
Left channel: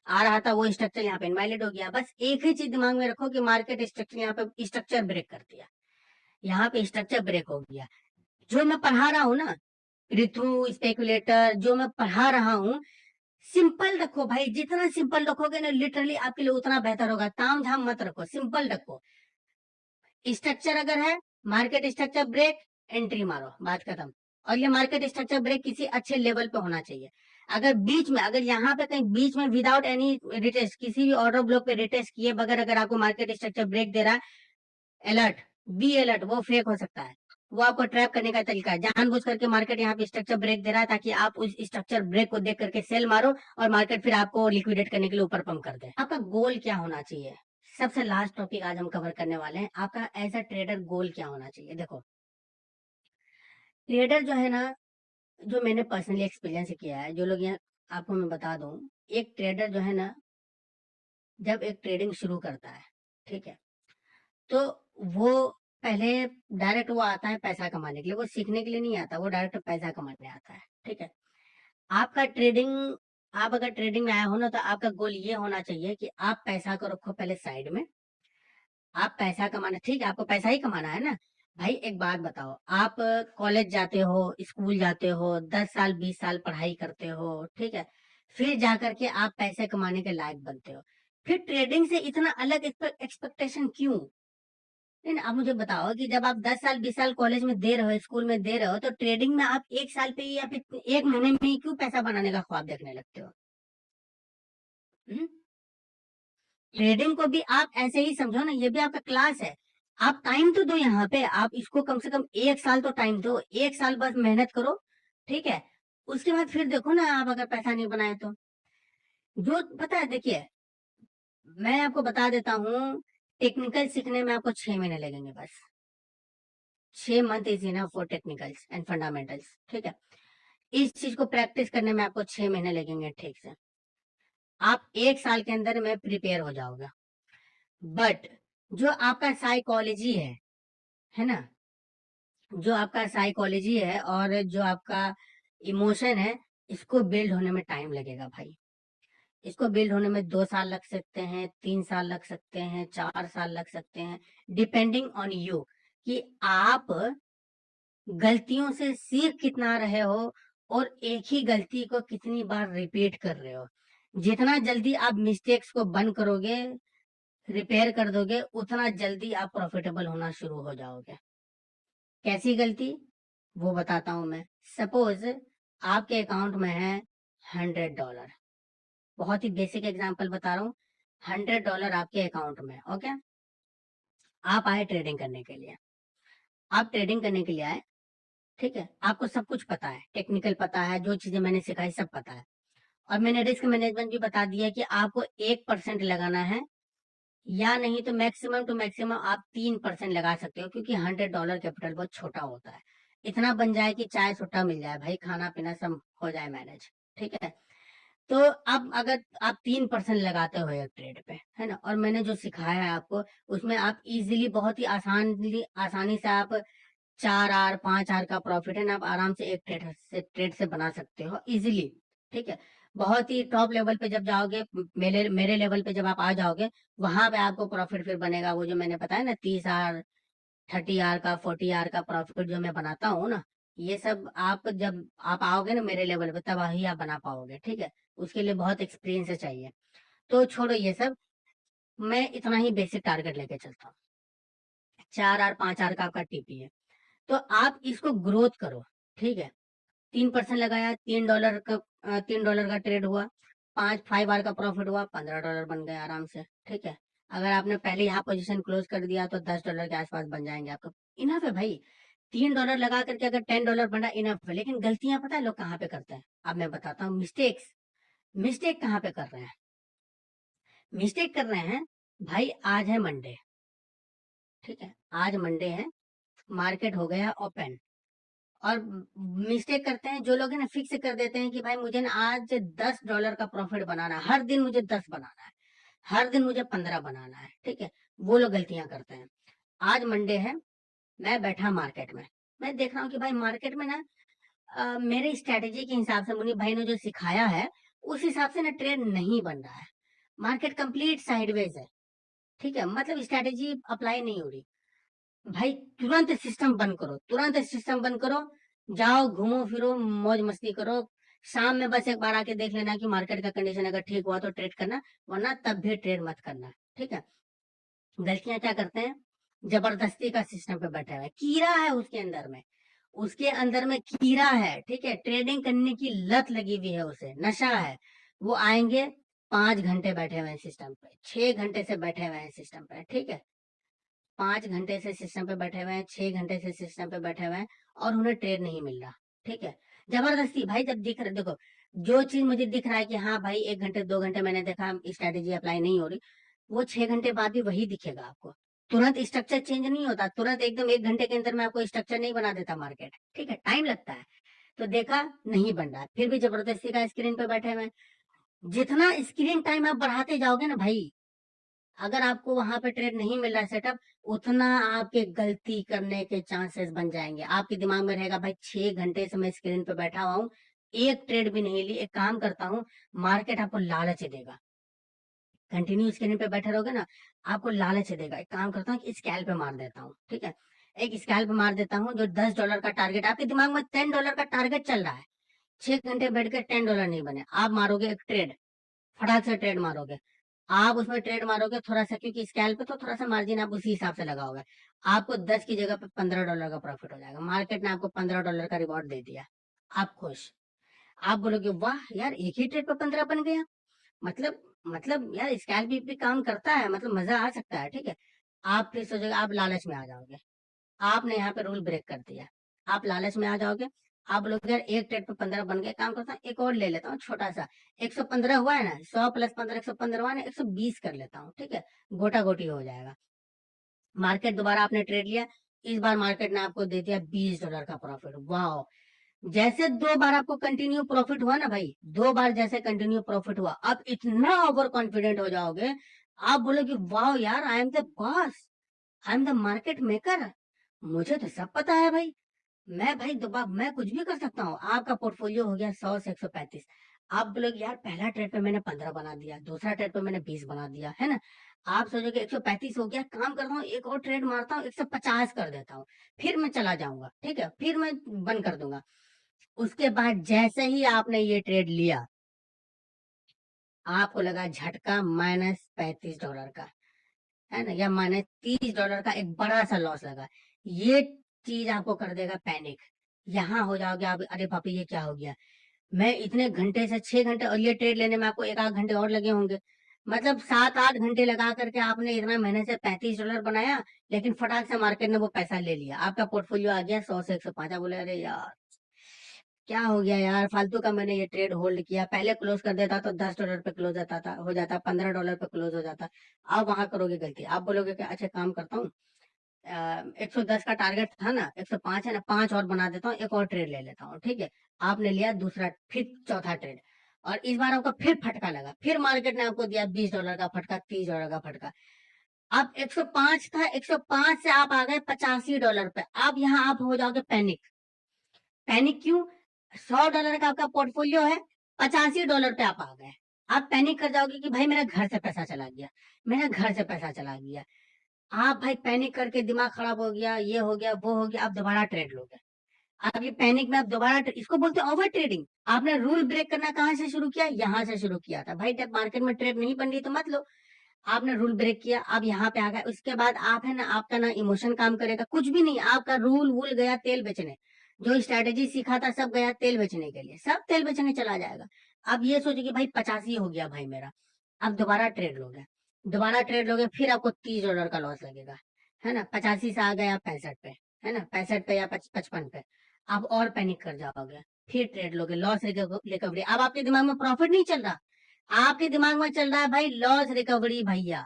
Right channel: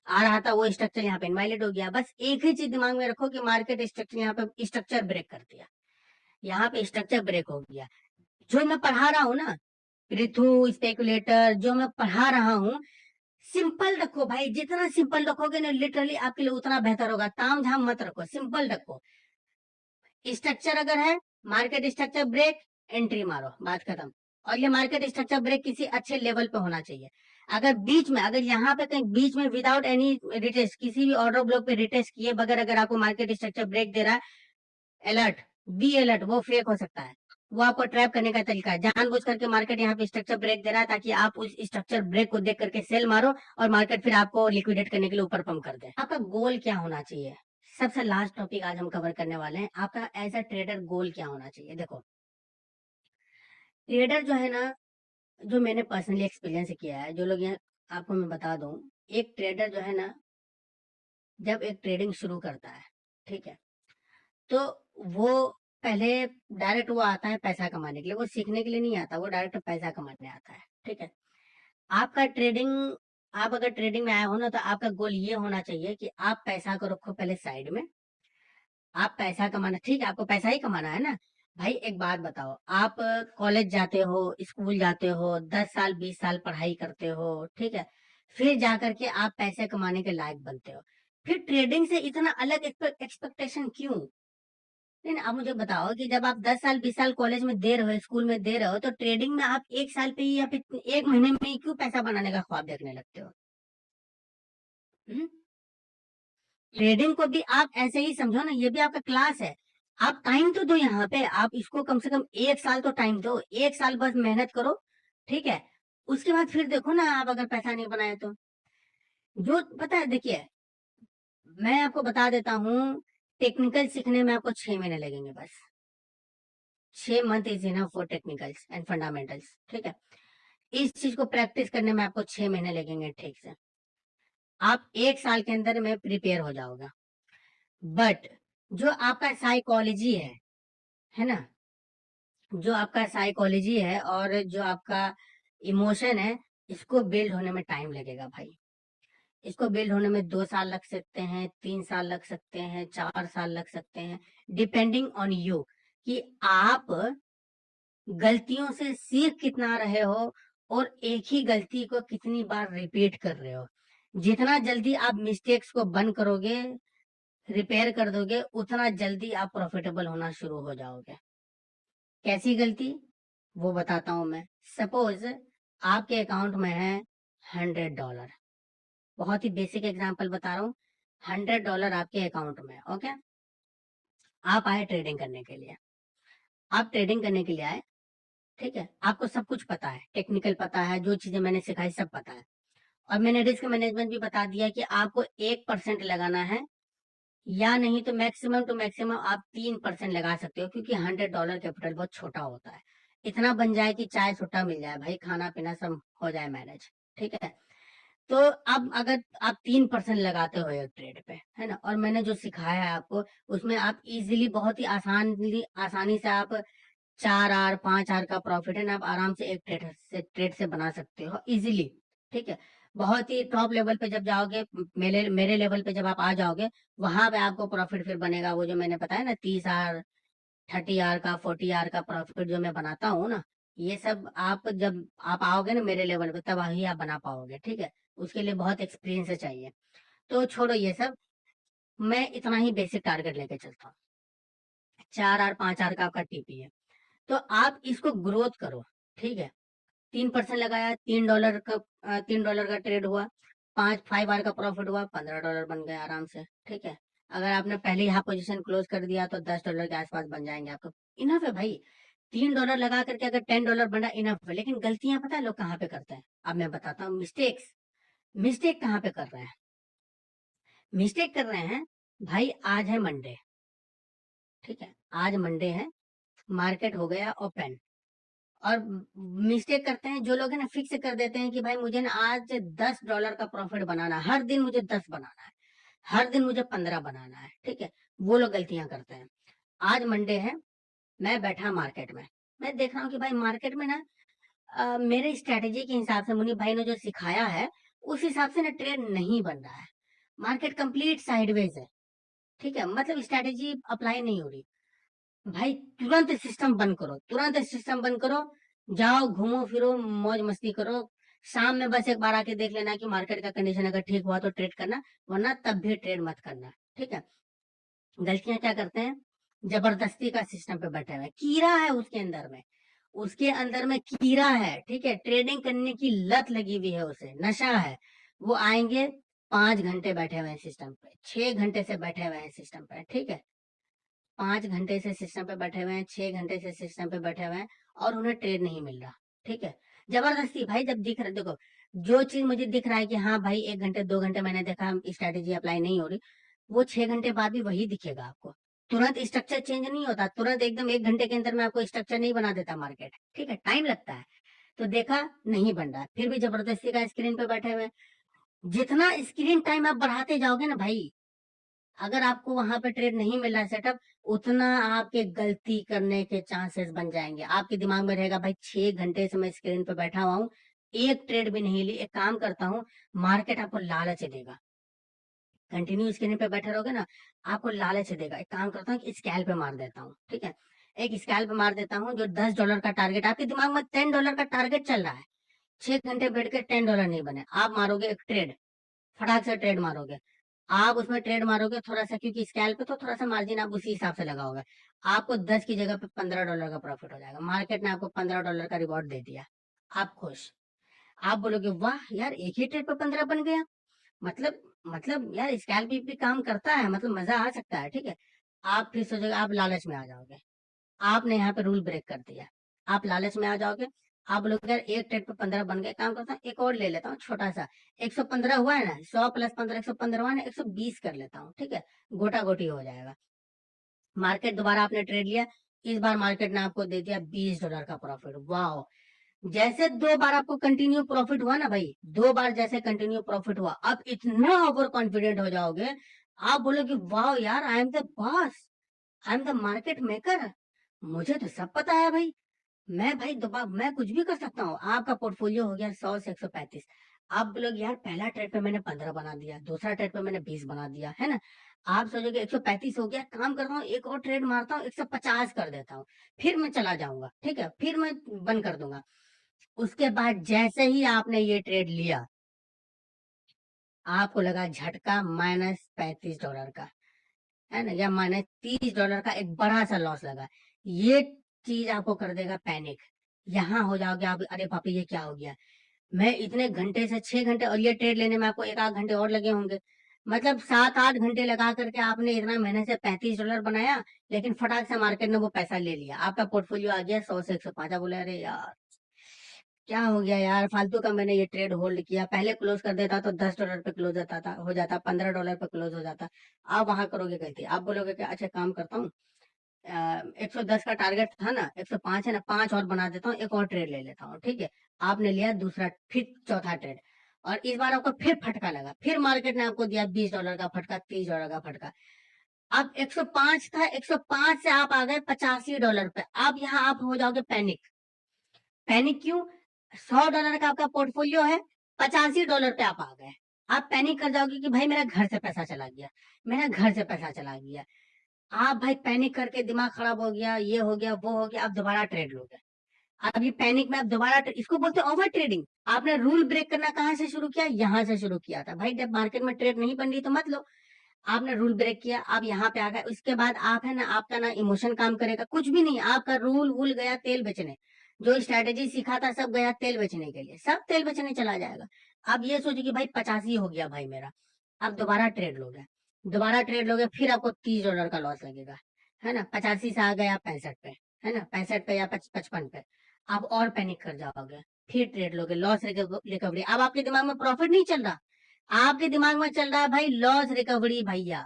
आ रहा था, वो स्ट्रक्चर यहाँ पे इनवैलिड हो गया। बस एक ही चीज दिमाग में रखो कि मार्केट स्ट्रक्चर यहाँ पे स्ट्रक्चर ब्रेक कर दिया, यहाँ पे स्ट्रक्चर ब्रेक हो गया। जो मैं पढ़ा रहा हूँ ना, पृथु स्पेकुलेटर जो मैं पढ़ा रहा हूँ, सिंपल रखो भाई, जितना सिंपल रखोगे ना लिटरली आपके लिए उतना बेहतर होगा। ताम झाम मत रखो, सिंपल रखो। स्ट्रक्चर अगर है, मार्केट स्ट्रक्चर ब्रेक, एंट्री मारो, बात खत्म। और ये मार्केट स्ट्रक्चर ब्रेक किसी अच्छे लेवल पे होना चाहिए। अगर बीच में, अगर यहाँ पे कहीं बीच में विदाउट एनी रिटेस्ट, किसी भी ऑर्डर ब्लॉक पे रिटेस्ट किए बगैर अगर आपको मार्केट स्ट्रक्चर ब्रेक दे रहा है, अलर्ट, बी अलर्ट, वो फेक हो सकता है। वो आपको ट्रैप करने का तरीका है। जानबूझ करके मार्केट यहाँ पे स्ट्रक्चर ब्रेक दे रहा है ताकि आप उस स्ट्रक्चर ब्रेक को देख करके सेल मारो और मार्केट फिर आपको लिक्विडेट करने के लिए ऊपर पंप कर दे। आपका गोल क्या होना चाहिए, सबसे लास्ट टॉपिक आज हम कवर करने वाले हैं। आपका एज अ ट्रेडर गोल क्या होना चाहिए? देखो, ट्रेडर जो है ना, जो मैंने पर्सनली एक्सपीरियंस किया है, जो लोग यहाँ आपको मैं बता दूं, एक ट्रेडर जो है ना, जब एक ट्रेडिंग शुरू करता है, ठीक है, तो वो पहले डायरेक्ट वो आता है पैसा कमाने के लिए, वो सीखने के लिए नहीं आता, वो डायरेक्ट पैसा कमाने आता है, ठीक है। आपका ट्रेडिंग, आप अगर ट्रेडिंग में आए हो ना, तो आपका गोल ये होना चाहिए कि आप पैसा को रखो पहले साइड में, आप पैसा कमाना, ठीक है, आपको पैसा ही कमाना है ना भाई। एक बात बताओ, आप कॉलेज जाते हो, स्कूल जाते हो, 10 साल 20 साल पढ़ाई करते हो, ठीक है, फिर जाकर के आप पैसे कमाने के लायक बनते हो, फिर ट्रेडिंग से इतना अलग एक्सपेक्टेशन क्यों? नहीं, आप मुझे बताओ कि जब आप 10 साल 20 साल कॉलेज में दे रहे हो, स्कूल में दे रहे हो, तो ट्रेडिंग में आप 1 साल पे ही या फिर 1 महीने में ही क्यों पैसा बनाने का ख्वाब देखने लगते हो? ट्रेडिंग को भी आप ऐसे ही समझो ना, ये भी आपका क्लास है। आप टाइम तो दो यहाँ पे, आप इसको कम से कम 1 साल तो टाइम दो, 1 साल बस मेहनत करो, ठीक है। उसके बाद फिर देखो ना, आप अगर पैसा नहीं बनाए तो, जो पता है, देखिए मैं आपको बता देता हूँ, टेक्निकल सीखने में आपको 6 महीने लगेंगे बस। 6 month is enough for technicals and fundamentals, ठीक है। इस चीज को प्रैक्टिस करने में आपको 6 महीने लगेंगे, ठीक से। आप 1 साल के अंदर में प्रिपेयर हो जाओगे। बट जो आपका साइकोलॉजी है ना, जो आपका साइकोलॉजी है और जो आपका इमोशन है, इसको बिल्ड होने में टाइम लगेगा भाई। इसको बिल्ड होने में 2 साल लग सकते हैं, 3 साल लग सकते हैं, 4 साल लग सकते हैं, डिपेंडिंग ऑन यू कि आप गलतियों से सीख कितना रहे हो और एक ही गलती को कितनी बार रिपीट कर रहे हो। जितना जल्दी आप मिस्टेक्स को बंद करोगे, रिपेयर कर दोगे, उतना जल्दी आप प्रॉफिटेबल होना शुरू हो जाओगे। कैसी गलती, वो बताता हूं मैं। सपोज आपके अकाउंट में है $100, बहुत ही बेसिक एग्जांपल बता रहा हूँ। $100 आपके अकाउंट में, ओके। आप आए ट्रेडिंग करने के लिए, आप ट्रेडिंग करने के लिए आए, ठीक है। आपको सब कुछ पता है, टेक्निकल पता है, जो चीजें मैंने सिखाई सब पता है, और मैंने रिस्क मैनेजमेंट भी बता दिया कि आपको 1% लगाना है, या नहीं तो मैक्सिमम टू मैक्सिमम आप 3% लगा सकते हो, क्योंकि $100 कैपिटल बहुत छोटा होता है। इतना बन जाए कि चाय सुट्टा मिल जाए भाई, खाना पीना सब हो जाए मैनेज, ठीक है। तो अब अगर आप 3% लगाते हो एक ट्रेड पे, है ना, और मैंने जो सिखाया है आपको, उसमें आप इजीली, बहुत ही आसानी से आप 4 आर 5 आर का प्रॉफिट है ना, आप आराम से एक ट्रेड से बना सकते हो इजीली, ठीक है। बहुत ही टॉप लेवल पे जब जाओगे, मेरे मेरे लेवल पे जब आप आ जाओगे, वहां पे आपको प्रॉफिट फिर बनेगा, वो जो मैंने बताया ना, 30 आर 30 आर का 40 आर का प्रॉफिट जो मैं बनाता हूँ ना, ये सब आप जब आप आओगे ना मेरे लेवल पे, तब वही आप बना पाओगे, ठीक है। उसके लिए बहुत एक्सपीरियंस चाहिए। तो छोड़ो ये सब, मैं इतना ही बेसिक टारगेट लेके चलता हूँ। 4 आर 5 आर का आपका टीपी है, तो आप इसको ग्रोथ करो, ठीक है। 3% लगाया, $3 का ट्रेड हुआ, 5 आर का प्रॉफिट हुआ, $15 बन गए आराम से, ठीक है। अगर आपने पहले यहाँ पोजीशन क्लोज कर दिया तो $10 के आसपास बन जाएंगे आपको। इनफ है भाई, $3 लगा करके अगर $10 बना, इनफ है। लेकिन गलतियां पता है लोग कहाँ पे करते हैं, अब मैं बताता हूँ। मिस्टेक कहाँ पे कर रहे हैं? मिस्टेक कर रहे हैं भाई, आज है मंडे, ठीक है, आज मंडे है, मार्केट हो गया ओपन, और मिस्टेक करते हैं जो लोग है ना, फिक्स कर देते हैं कि भाई मुझे ना आज $10 का प्रॉफिट बनाना है, हर दिन मुझे 10 बनाना है, हर दिन मुझे 15 बनाना है, ठीक है। वो लोग गलतियां करते हैं। आज मंडे है, मैं बैठा मार्केट में, मैं देख रहा हूँ कि भाई मार्केट में ना, मेरे स्ट्रेटेजी के हिसाब से मुनीब भाई ने जो सिखाया है, उस हिसाब से ना ट्रेड नहीं बन रहा है। मार्केट कंप्लीट साइडवेज है, ठीक है, मतलब स्ट्रेटेजी अप्लाई नहीं हो रही। भाई तुरंत सिस्टम बंद करो, तुरंत सिस्टम बंद करो, जाओ घूमो फिरो, मौज मस्ती करो। शाम में बस एक बार आके देख लेना कि मार्केट का कंडीशन अगर ठीक हुआ तो ट्रेड करना, वरना तब भी ट्रेड मत करना, ठीक है। गलतियां क्या करते हैं, जबरदस्ती का सिस्टम पे बैठे हुए, कीड़ा है उसके अंदर में, उसके अंदर में कीड़ा है, ठीक है। ट्रेडिंग करने की लत लगी हुई है उसे, नशा है। वो आएंगे, 5 घंटे बैठे हुए हैं सिस्टम पे, 6 घंटे से बैठे हुए हैं सिस्टम पे, ठीक है। 5 घंटे से सिस्टम पे बैठे हुए हैं, 6 घंटे से सिस्टम पे बैठे हुए हैं, और उन्हें ट्रेड नहीं मिल रहा, ठीक है। जबरदस्ती भाई, जब दिख रहा, देखो, जो चीज मुझे दिख रहा है कि हाँ भाई 1 घंटे 2 घंटे मैंने देखा स्ट्रेटेजी अप्लाई नहीं हो रही, वो 6 घंटे बाद भी वही दिखेगा आपको। तुरंत स्ट्रक्चर चेंज नहीं होता, तुरंत एकदम 1 घंटे के अंदर में आपको स्ट्रक्चर नहीं बना देता मार्केट, ठीक है, टाइम लगता है। तो देखा नहीं बन रहा, फिर भी जबरदस्ती का स्क्रीन पे बैठे हुए हैं। जितना स्क्रीन टाइम आप बढ़ाते जाओगे ना भाई, अगर आपको वहां पे ट्रेड नहीं मिल रहा है सेटअप, उतना आपके गलती करने के चांसेस बन जाएंगे। आपके दिमाग में रहेगा भाई 6 घंटे से मैं स्क्रीन पे बैठा हुआ हूँ, एक ट्रेड भी नहीं ली। एक काम करता हूँ, मार्केट आपको लालच देगा, कंटिन्यू स्क्रीन पे बैठे रहोगे ना, आपको लालच देगा। एक काम करता हूँ, स्कैल्प पे मार देता हूँ, ठीक है। एक स्कैल्प पे मार देता हूँ, जो $10 का टारगेट, आपके दिमाग में $10 का टारगेट चल रहा है, 6 घंटे बैठ के $10 नहीं बने, आप मारोगे एक ट्रेड, फटाक से ट्रेड मारोगे। आप उसमें ट्रेड मारोगे थोड़ा सा, क्योंकि स्कैल्प पे तो थोड़ा सा मार्जिन आप उसी हिसाब से लगाओगे। आपको 10 की जगह पे $15 का प्रॉफिट हो जाएगा, मार्केट ने आपको $15 का रिवॉर्ड दे दिया, आप खुश। आप बोलोगे वाह यार, एक ही ट्रेड पे 15 बन गया, मतलब यार स्कैल्प भी काम करता है, मतलब मजा आ सकता है, ठीक है। आप फिर सोचोगे, आप लालच में आ जाओगे, आपने यहाँ पे रूल ब्रेक कर दिया, आप लालच में आ जाओगे। आप लोग यार एक ट्रेड पे 15 बन गए, काम करता हूँ एक और ले लेता हूँ छोटा सा, 115 हुआ है ना, 100 + 15 115 हुआ है ना, 120 कर लेता हूँ, ठीक है, गोटा गोटी हो जाएगा। मार्केट दोबारा आपने ट्रेड लिया, इस बार मार्केट ने आपको दे दिया $20 का प्रॉफिट, वाह। जैसे 2 बार आपको कंटिन्यू प्रॉफिट हुआ ना भाई, 2 बार जैसे कंटिन्यू प्रॉफिट हुआ, अब इतना ओवर कॉन्फिडेंट हो जाओगे, आप बोलोगे वाह यार, I am the boss, I am the market maker, मुझे तो सब पता है भाई। मैं भाई दोबारा मैं कुछ भी कर सकता हूँ। आपका पोर्टफोलियो हो गया 100 से 135, आप बोलोगे यार पहला ट्रेड पे मैंने 15 बना दिया, दूसरा ट्रेड पे मैंने 20 बना दिया, है ना। आप सोचोगे 135 हो गया, काम करता हूँ एक और ट्रेड मारता हूँ 150 कर देता हूँ, फिर मैं चला जाऊंगा, ठीक है, फिर मैं बंद कर दूंगा। उसके बाद जैसे ही आपने ये ट्रेड लिया, आपको लगा झटका -$35 का, है ना, या -$30 का एक बड़ा सा लॉस लगा। ये चीज आपको कर देगा पैनिक। यहाँ हो जाओगे आप, अरे पापा ये क्या हो गया, मैं इतने घंटे से 6 घंटे, और ये ट्रेड लेने में आपको 1 आध घंटे और लगे होंगे, मतलब 7 8 घंटे लगा करके आपने इतना मेहनत से $35 बनाया, लेकिन फटाक से मार्केट ने वो पैसा ले लिया, आपका पोर्टफोलियो आ गया 100 से 105। बोले अरे यार क्या हो गया यार, फालतू का मैंने ये ट्रेड होल्ड किया, पहले क्लोज कर देता तो $10 पे क्लोज होता था, हो जाता $15 पे क्लोज हो जाता। आप वहां करोगे गलती, आप बोलोगे कि अच्छा काम करता हूँ, 110 का टारगेट था ना, 105 है ना, 5 और बना देता हूँ, एक और ट्रेड ले लेता हूँ, ठीक है। आपने लिया दूसरा, फिर चौथा ट्रेड, और इस बार आपको फिर फटका लगा, फिर मार्केट ने आपको दिया $20 का फटका, $30 का फटका। अब 105 था, 105 से आप आ गए $85 पे। अब यहाँ आप हो जाओगे पैनिक। पैनिक क्यों? $100 का आपका पोर्टफोलियो है, $85 पे आप आ गए। आप पैनिक कर जाओगे कि भाई मेरा घर से पैसा चला गया, मेरा घर से पैसा चला गया। आप भाई पैनिक करके दिमाग खराब हो गया, ये हो गया वो हो गया, आप दोबारा ट्रेड लोगे। अब ये पैनिक में आप दोबारा इसको बोलते हैं ओवर ट्रेडिंग। आपने रूल ब्रेक करना कहाँ से शुरू किया? यहाँ से शुरू किया था भाई, जब मार्केट में ट्रेड नहीं बन रही तो मत लो। आपने रूल ब्रेक किया, अब यहाँ पे आ गए, उसके बाद आप है ना, आपका ना इमोशन काम करेगा, कुछ भी नहीं, आपका रूल वूल गया तेल बेचने, जो स्ट्रेटेजी सीखा था सब गया तेल बेचने के लिए, सब तेल बेचने चला जाएगा। आप ये सोचो कि भाई 85 हो गया भाई मेरा, अब दोबारा ट्रेड लोगे, दोबारा ट्रेड लोगे, फिर आपको $30 का लॉस लगेगा, है ना। 85 से आ गए आप 65 पे, है ना, 65 पे या 55 पे, आप और पैनिक कर जाओगे, फिर ट्रेड लोगे, लॉस रिकवरी। अब आपके दिमाग में प्रॉफिट नहीं चल रहा, आपके दिमाग में चल रहा है भाई लॉस रिकवरी, भैया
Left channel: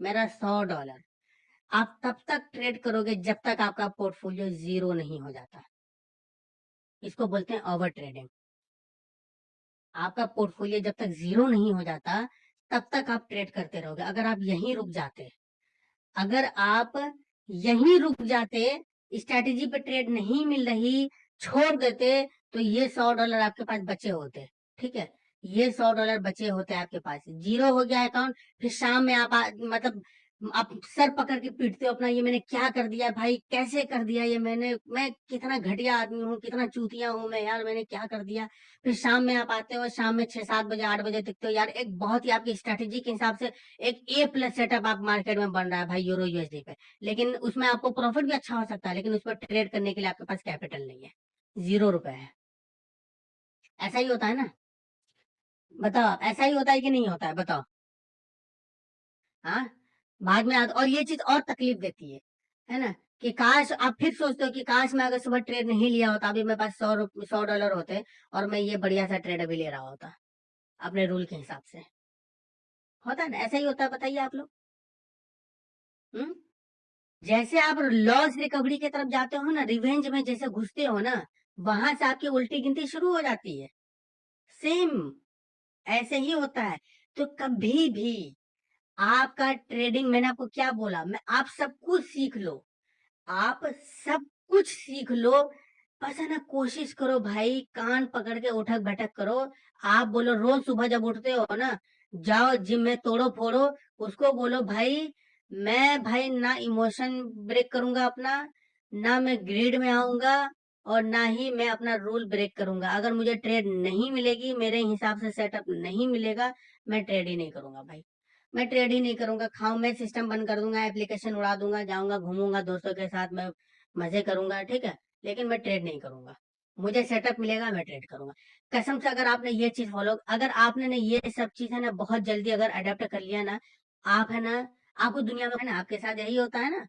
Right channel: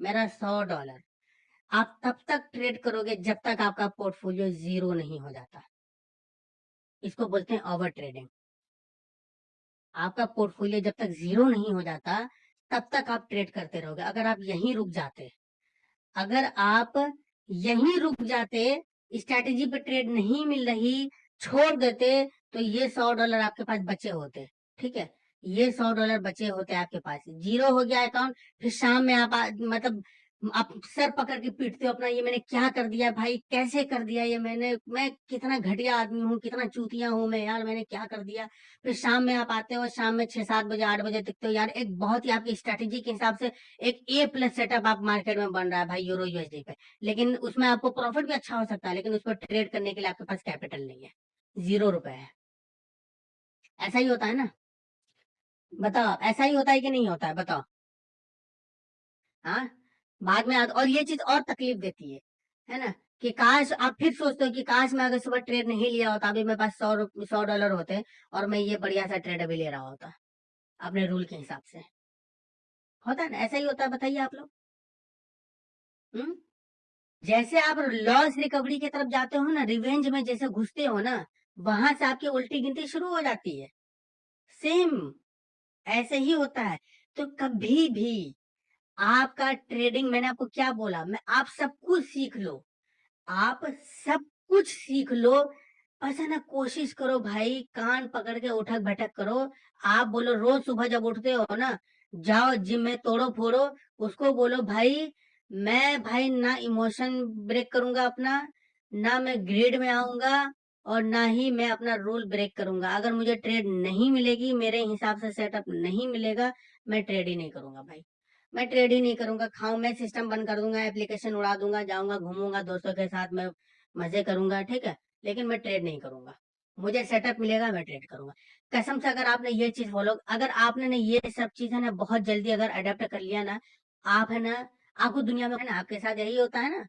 मेरा $100। आप तब तक ट्रेड करोगे जब तक आपका पोर्टफोलियो जीरो नहीं हो जाता, इसको बोलते हैं ओवर ट्रेडिंग। आपका पोर्टफोलियो जब तक जीरो नहीं हो जाता तब तक आप ट्रेड करते रहोगे। अगर आप यहीं रुक जाते, अगर आप यहीं रुक जाते, स्ट्रैटेजी पे ट्रेड नहीं मिल रही, छोड़ देते, तो ये $100 आपके पास बचे होते, ठीक है, ये $100 बचे होते आपके पास। जीरो हो गया अकाउंट, फिर शाम में मतलब आप सर पकड़ के पीटते हो अपना, ये मैंने क्या कर दिया भाई, कैसे कर दिया ये मैंने, मैं कितना घटिया आदमी हूँ, कितना चूतिया हूँ मैं यार, मैंने क्या कर दिया। फिर शाम में आप आते हो, शाम में 6 7 बजे 8 बजे दिखते हो यार, एक बहुत ही आपकी स्ट्रैटेजी के हिसाब से एक A+ सेटअप आप मार्केट में बन रहा है भाई यूरो यूएसडी पे, लेकिन उसमें आपको प्रॉफिट भी अच्छा हो सकता है, लेकिन उस पर ट्रेड करने के लिए आपके पास कैपिटल नहीं है, ₹0 है। ऐसा ही होता है ना, बताओ आप, ऐसा ही होता है कि नहीं होता है, बताओ। हाँ, बाद में और ये चीज और तकलीफ देती है ना, कि काश आप फिर सोचते हो कि काश मैं अगर सुबह ट्रेड नहीं लिया होता, अभी मेरे पास $100 होते, और मैं ये बढ़िया सा ट्रेड अभी ले रहा होता अपने रूल के हिसाब से। होता है ना, ऐसा ही होता है, बताइए आप लोग। हम्म जैसे आप लॉस रिकवरी की तरफ जाते हो ना, रिवेंज में जैसे घुसते हो ना, वहां से आपकी उल्टी गिनती शुरू हो जाती है। सेम ऐसे ही होता है। तो कभी भी आपका ट्रेडिंग, मैंने आपको क्या बोला, मैं आप सब कुछ सीख लो, आप सब कुछ सीख लो, बस है ना, कोशिश करो भाई, कान पकड़ के उठक बैठक करो। आप बोलो रोज सुबह जब उठते हो ना, जाओ जिम में तोड़ो फोड़ो, उसको बोलो भाई मैं भाई ना इमोशन ब्रेक करूंगा अपना, ना मैं ग्रीड में आऊंगा, और ना ही मैं अपना रूल ब्रेक करूंगा। अगर मुझे ट्रेड नहीं मिलेगी, मेरे हिसाब से सेटअप नहीं मिलेगा, मैं ट्रेड ही नहीं करूंगा भाई, मैं ट्रेड ही नहीं करूंगा। खाऊं, मैं सिस्टम बंद कर दूंगा, एप्लीकेशन उड़ा दूंगा, जाऊंगा घूमूंगा दोस्तों के साथ, मैं मजे करूंगा, ठीक है, लेकिन मैं ट्रेड नहीं करूंगा। मुझे सेटअप मिलेगा, मैं ट्रेड करूंगा। कसम से, अगर आपने ये चीज फॉलो, अगर आपने ना ये सब चीज है ना बहुत जल्दी अगर अडेप्ट कर लिया ना, आप है ना, आपको दुनिया में, है ना, आपके साथ यही होता है ना,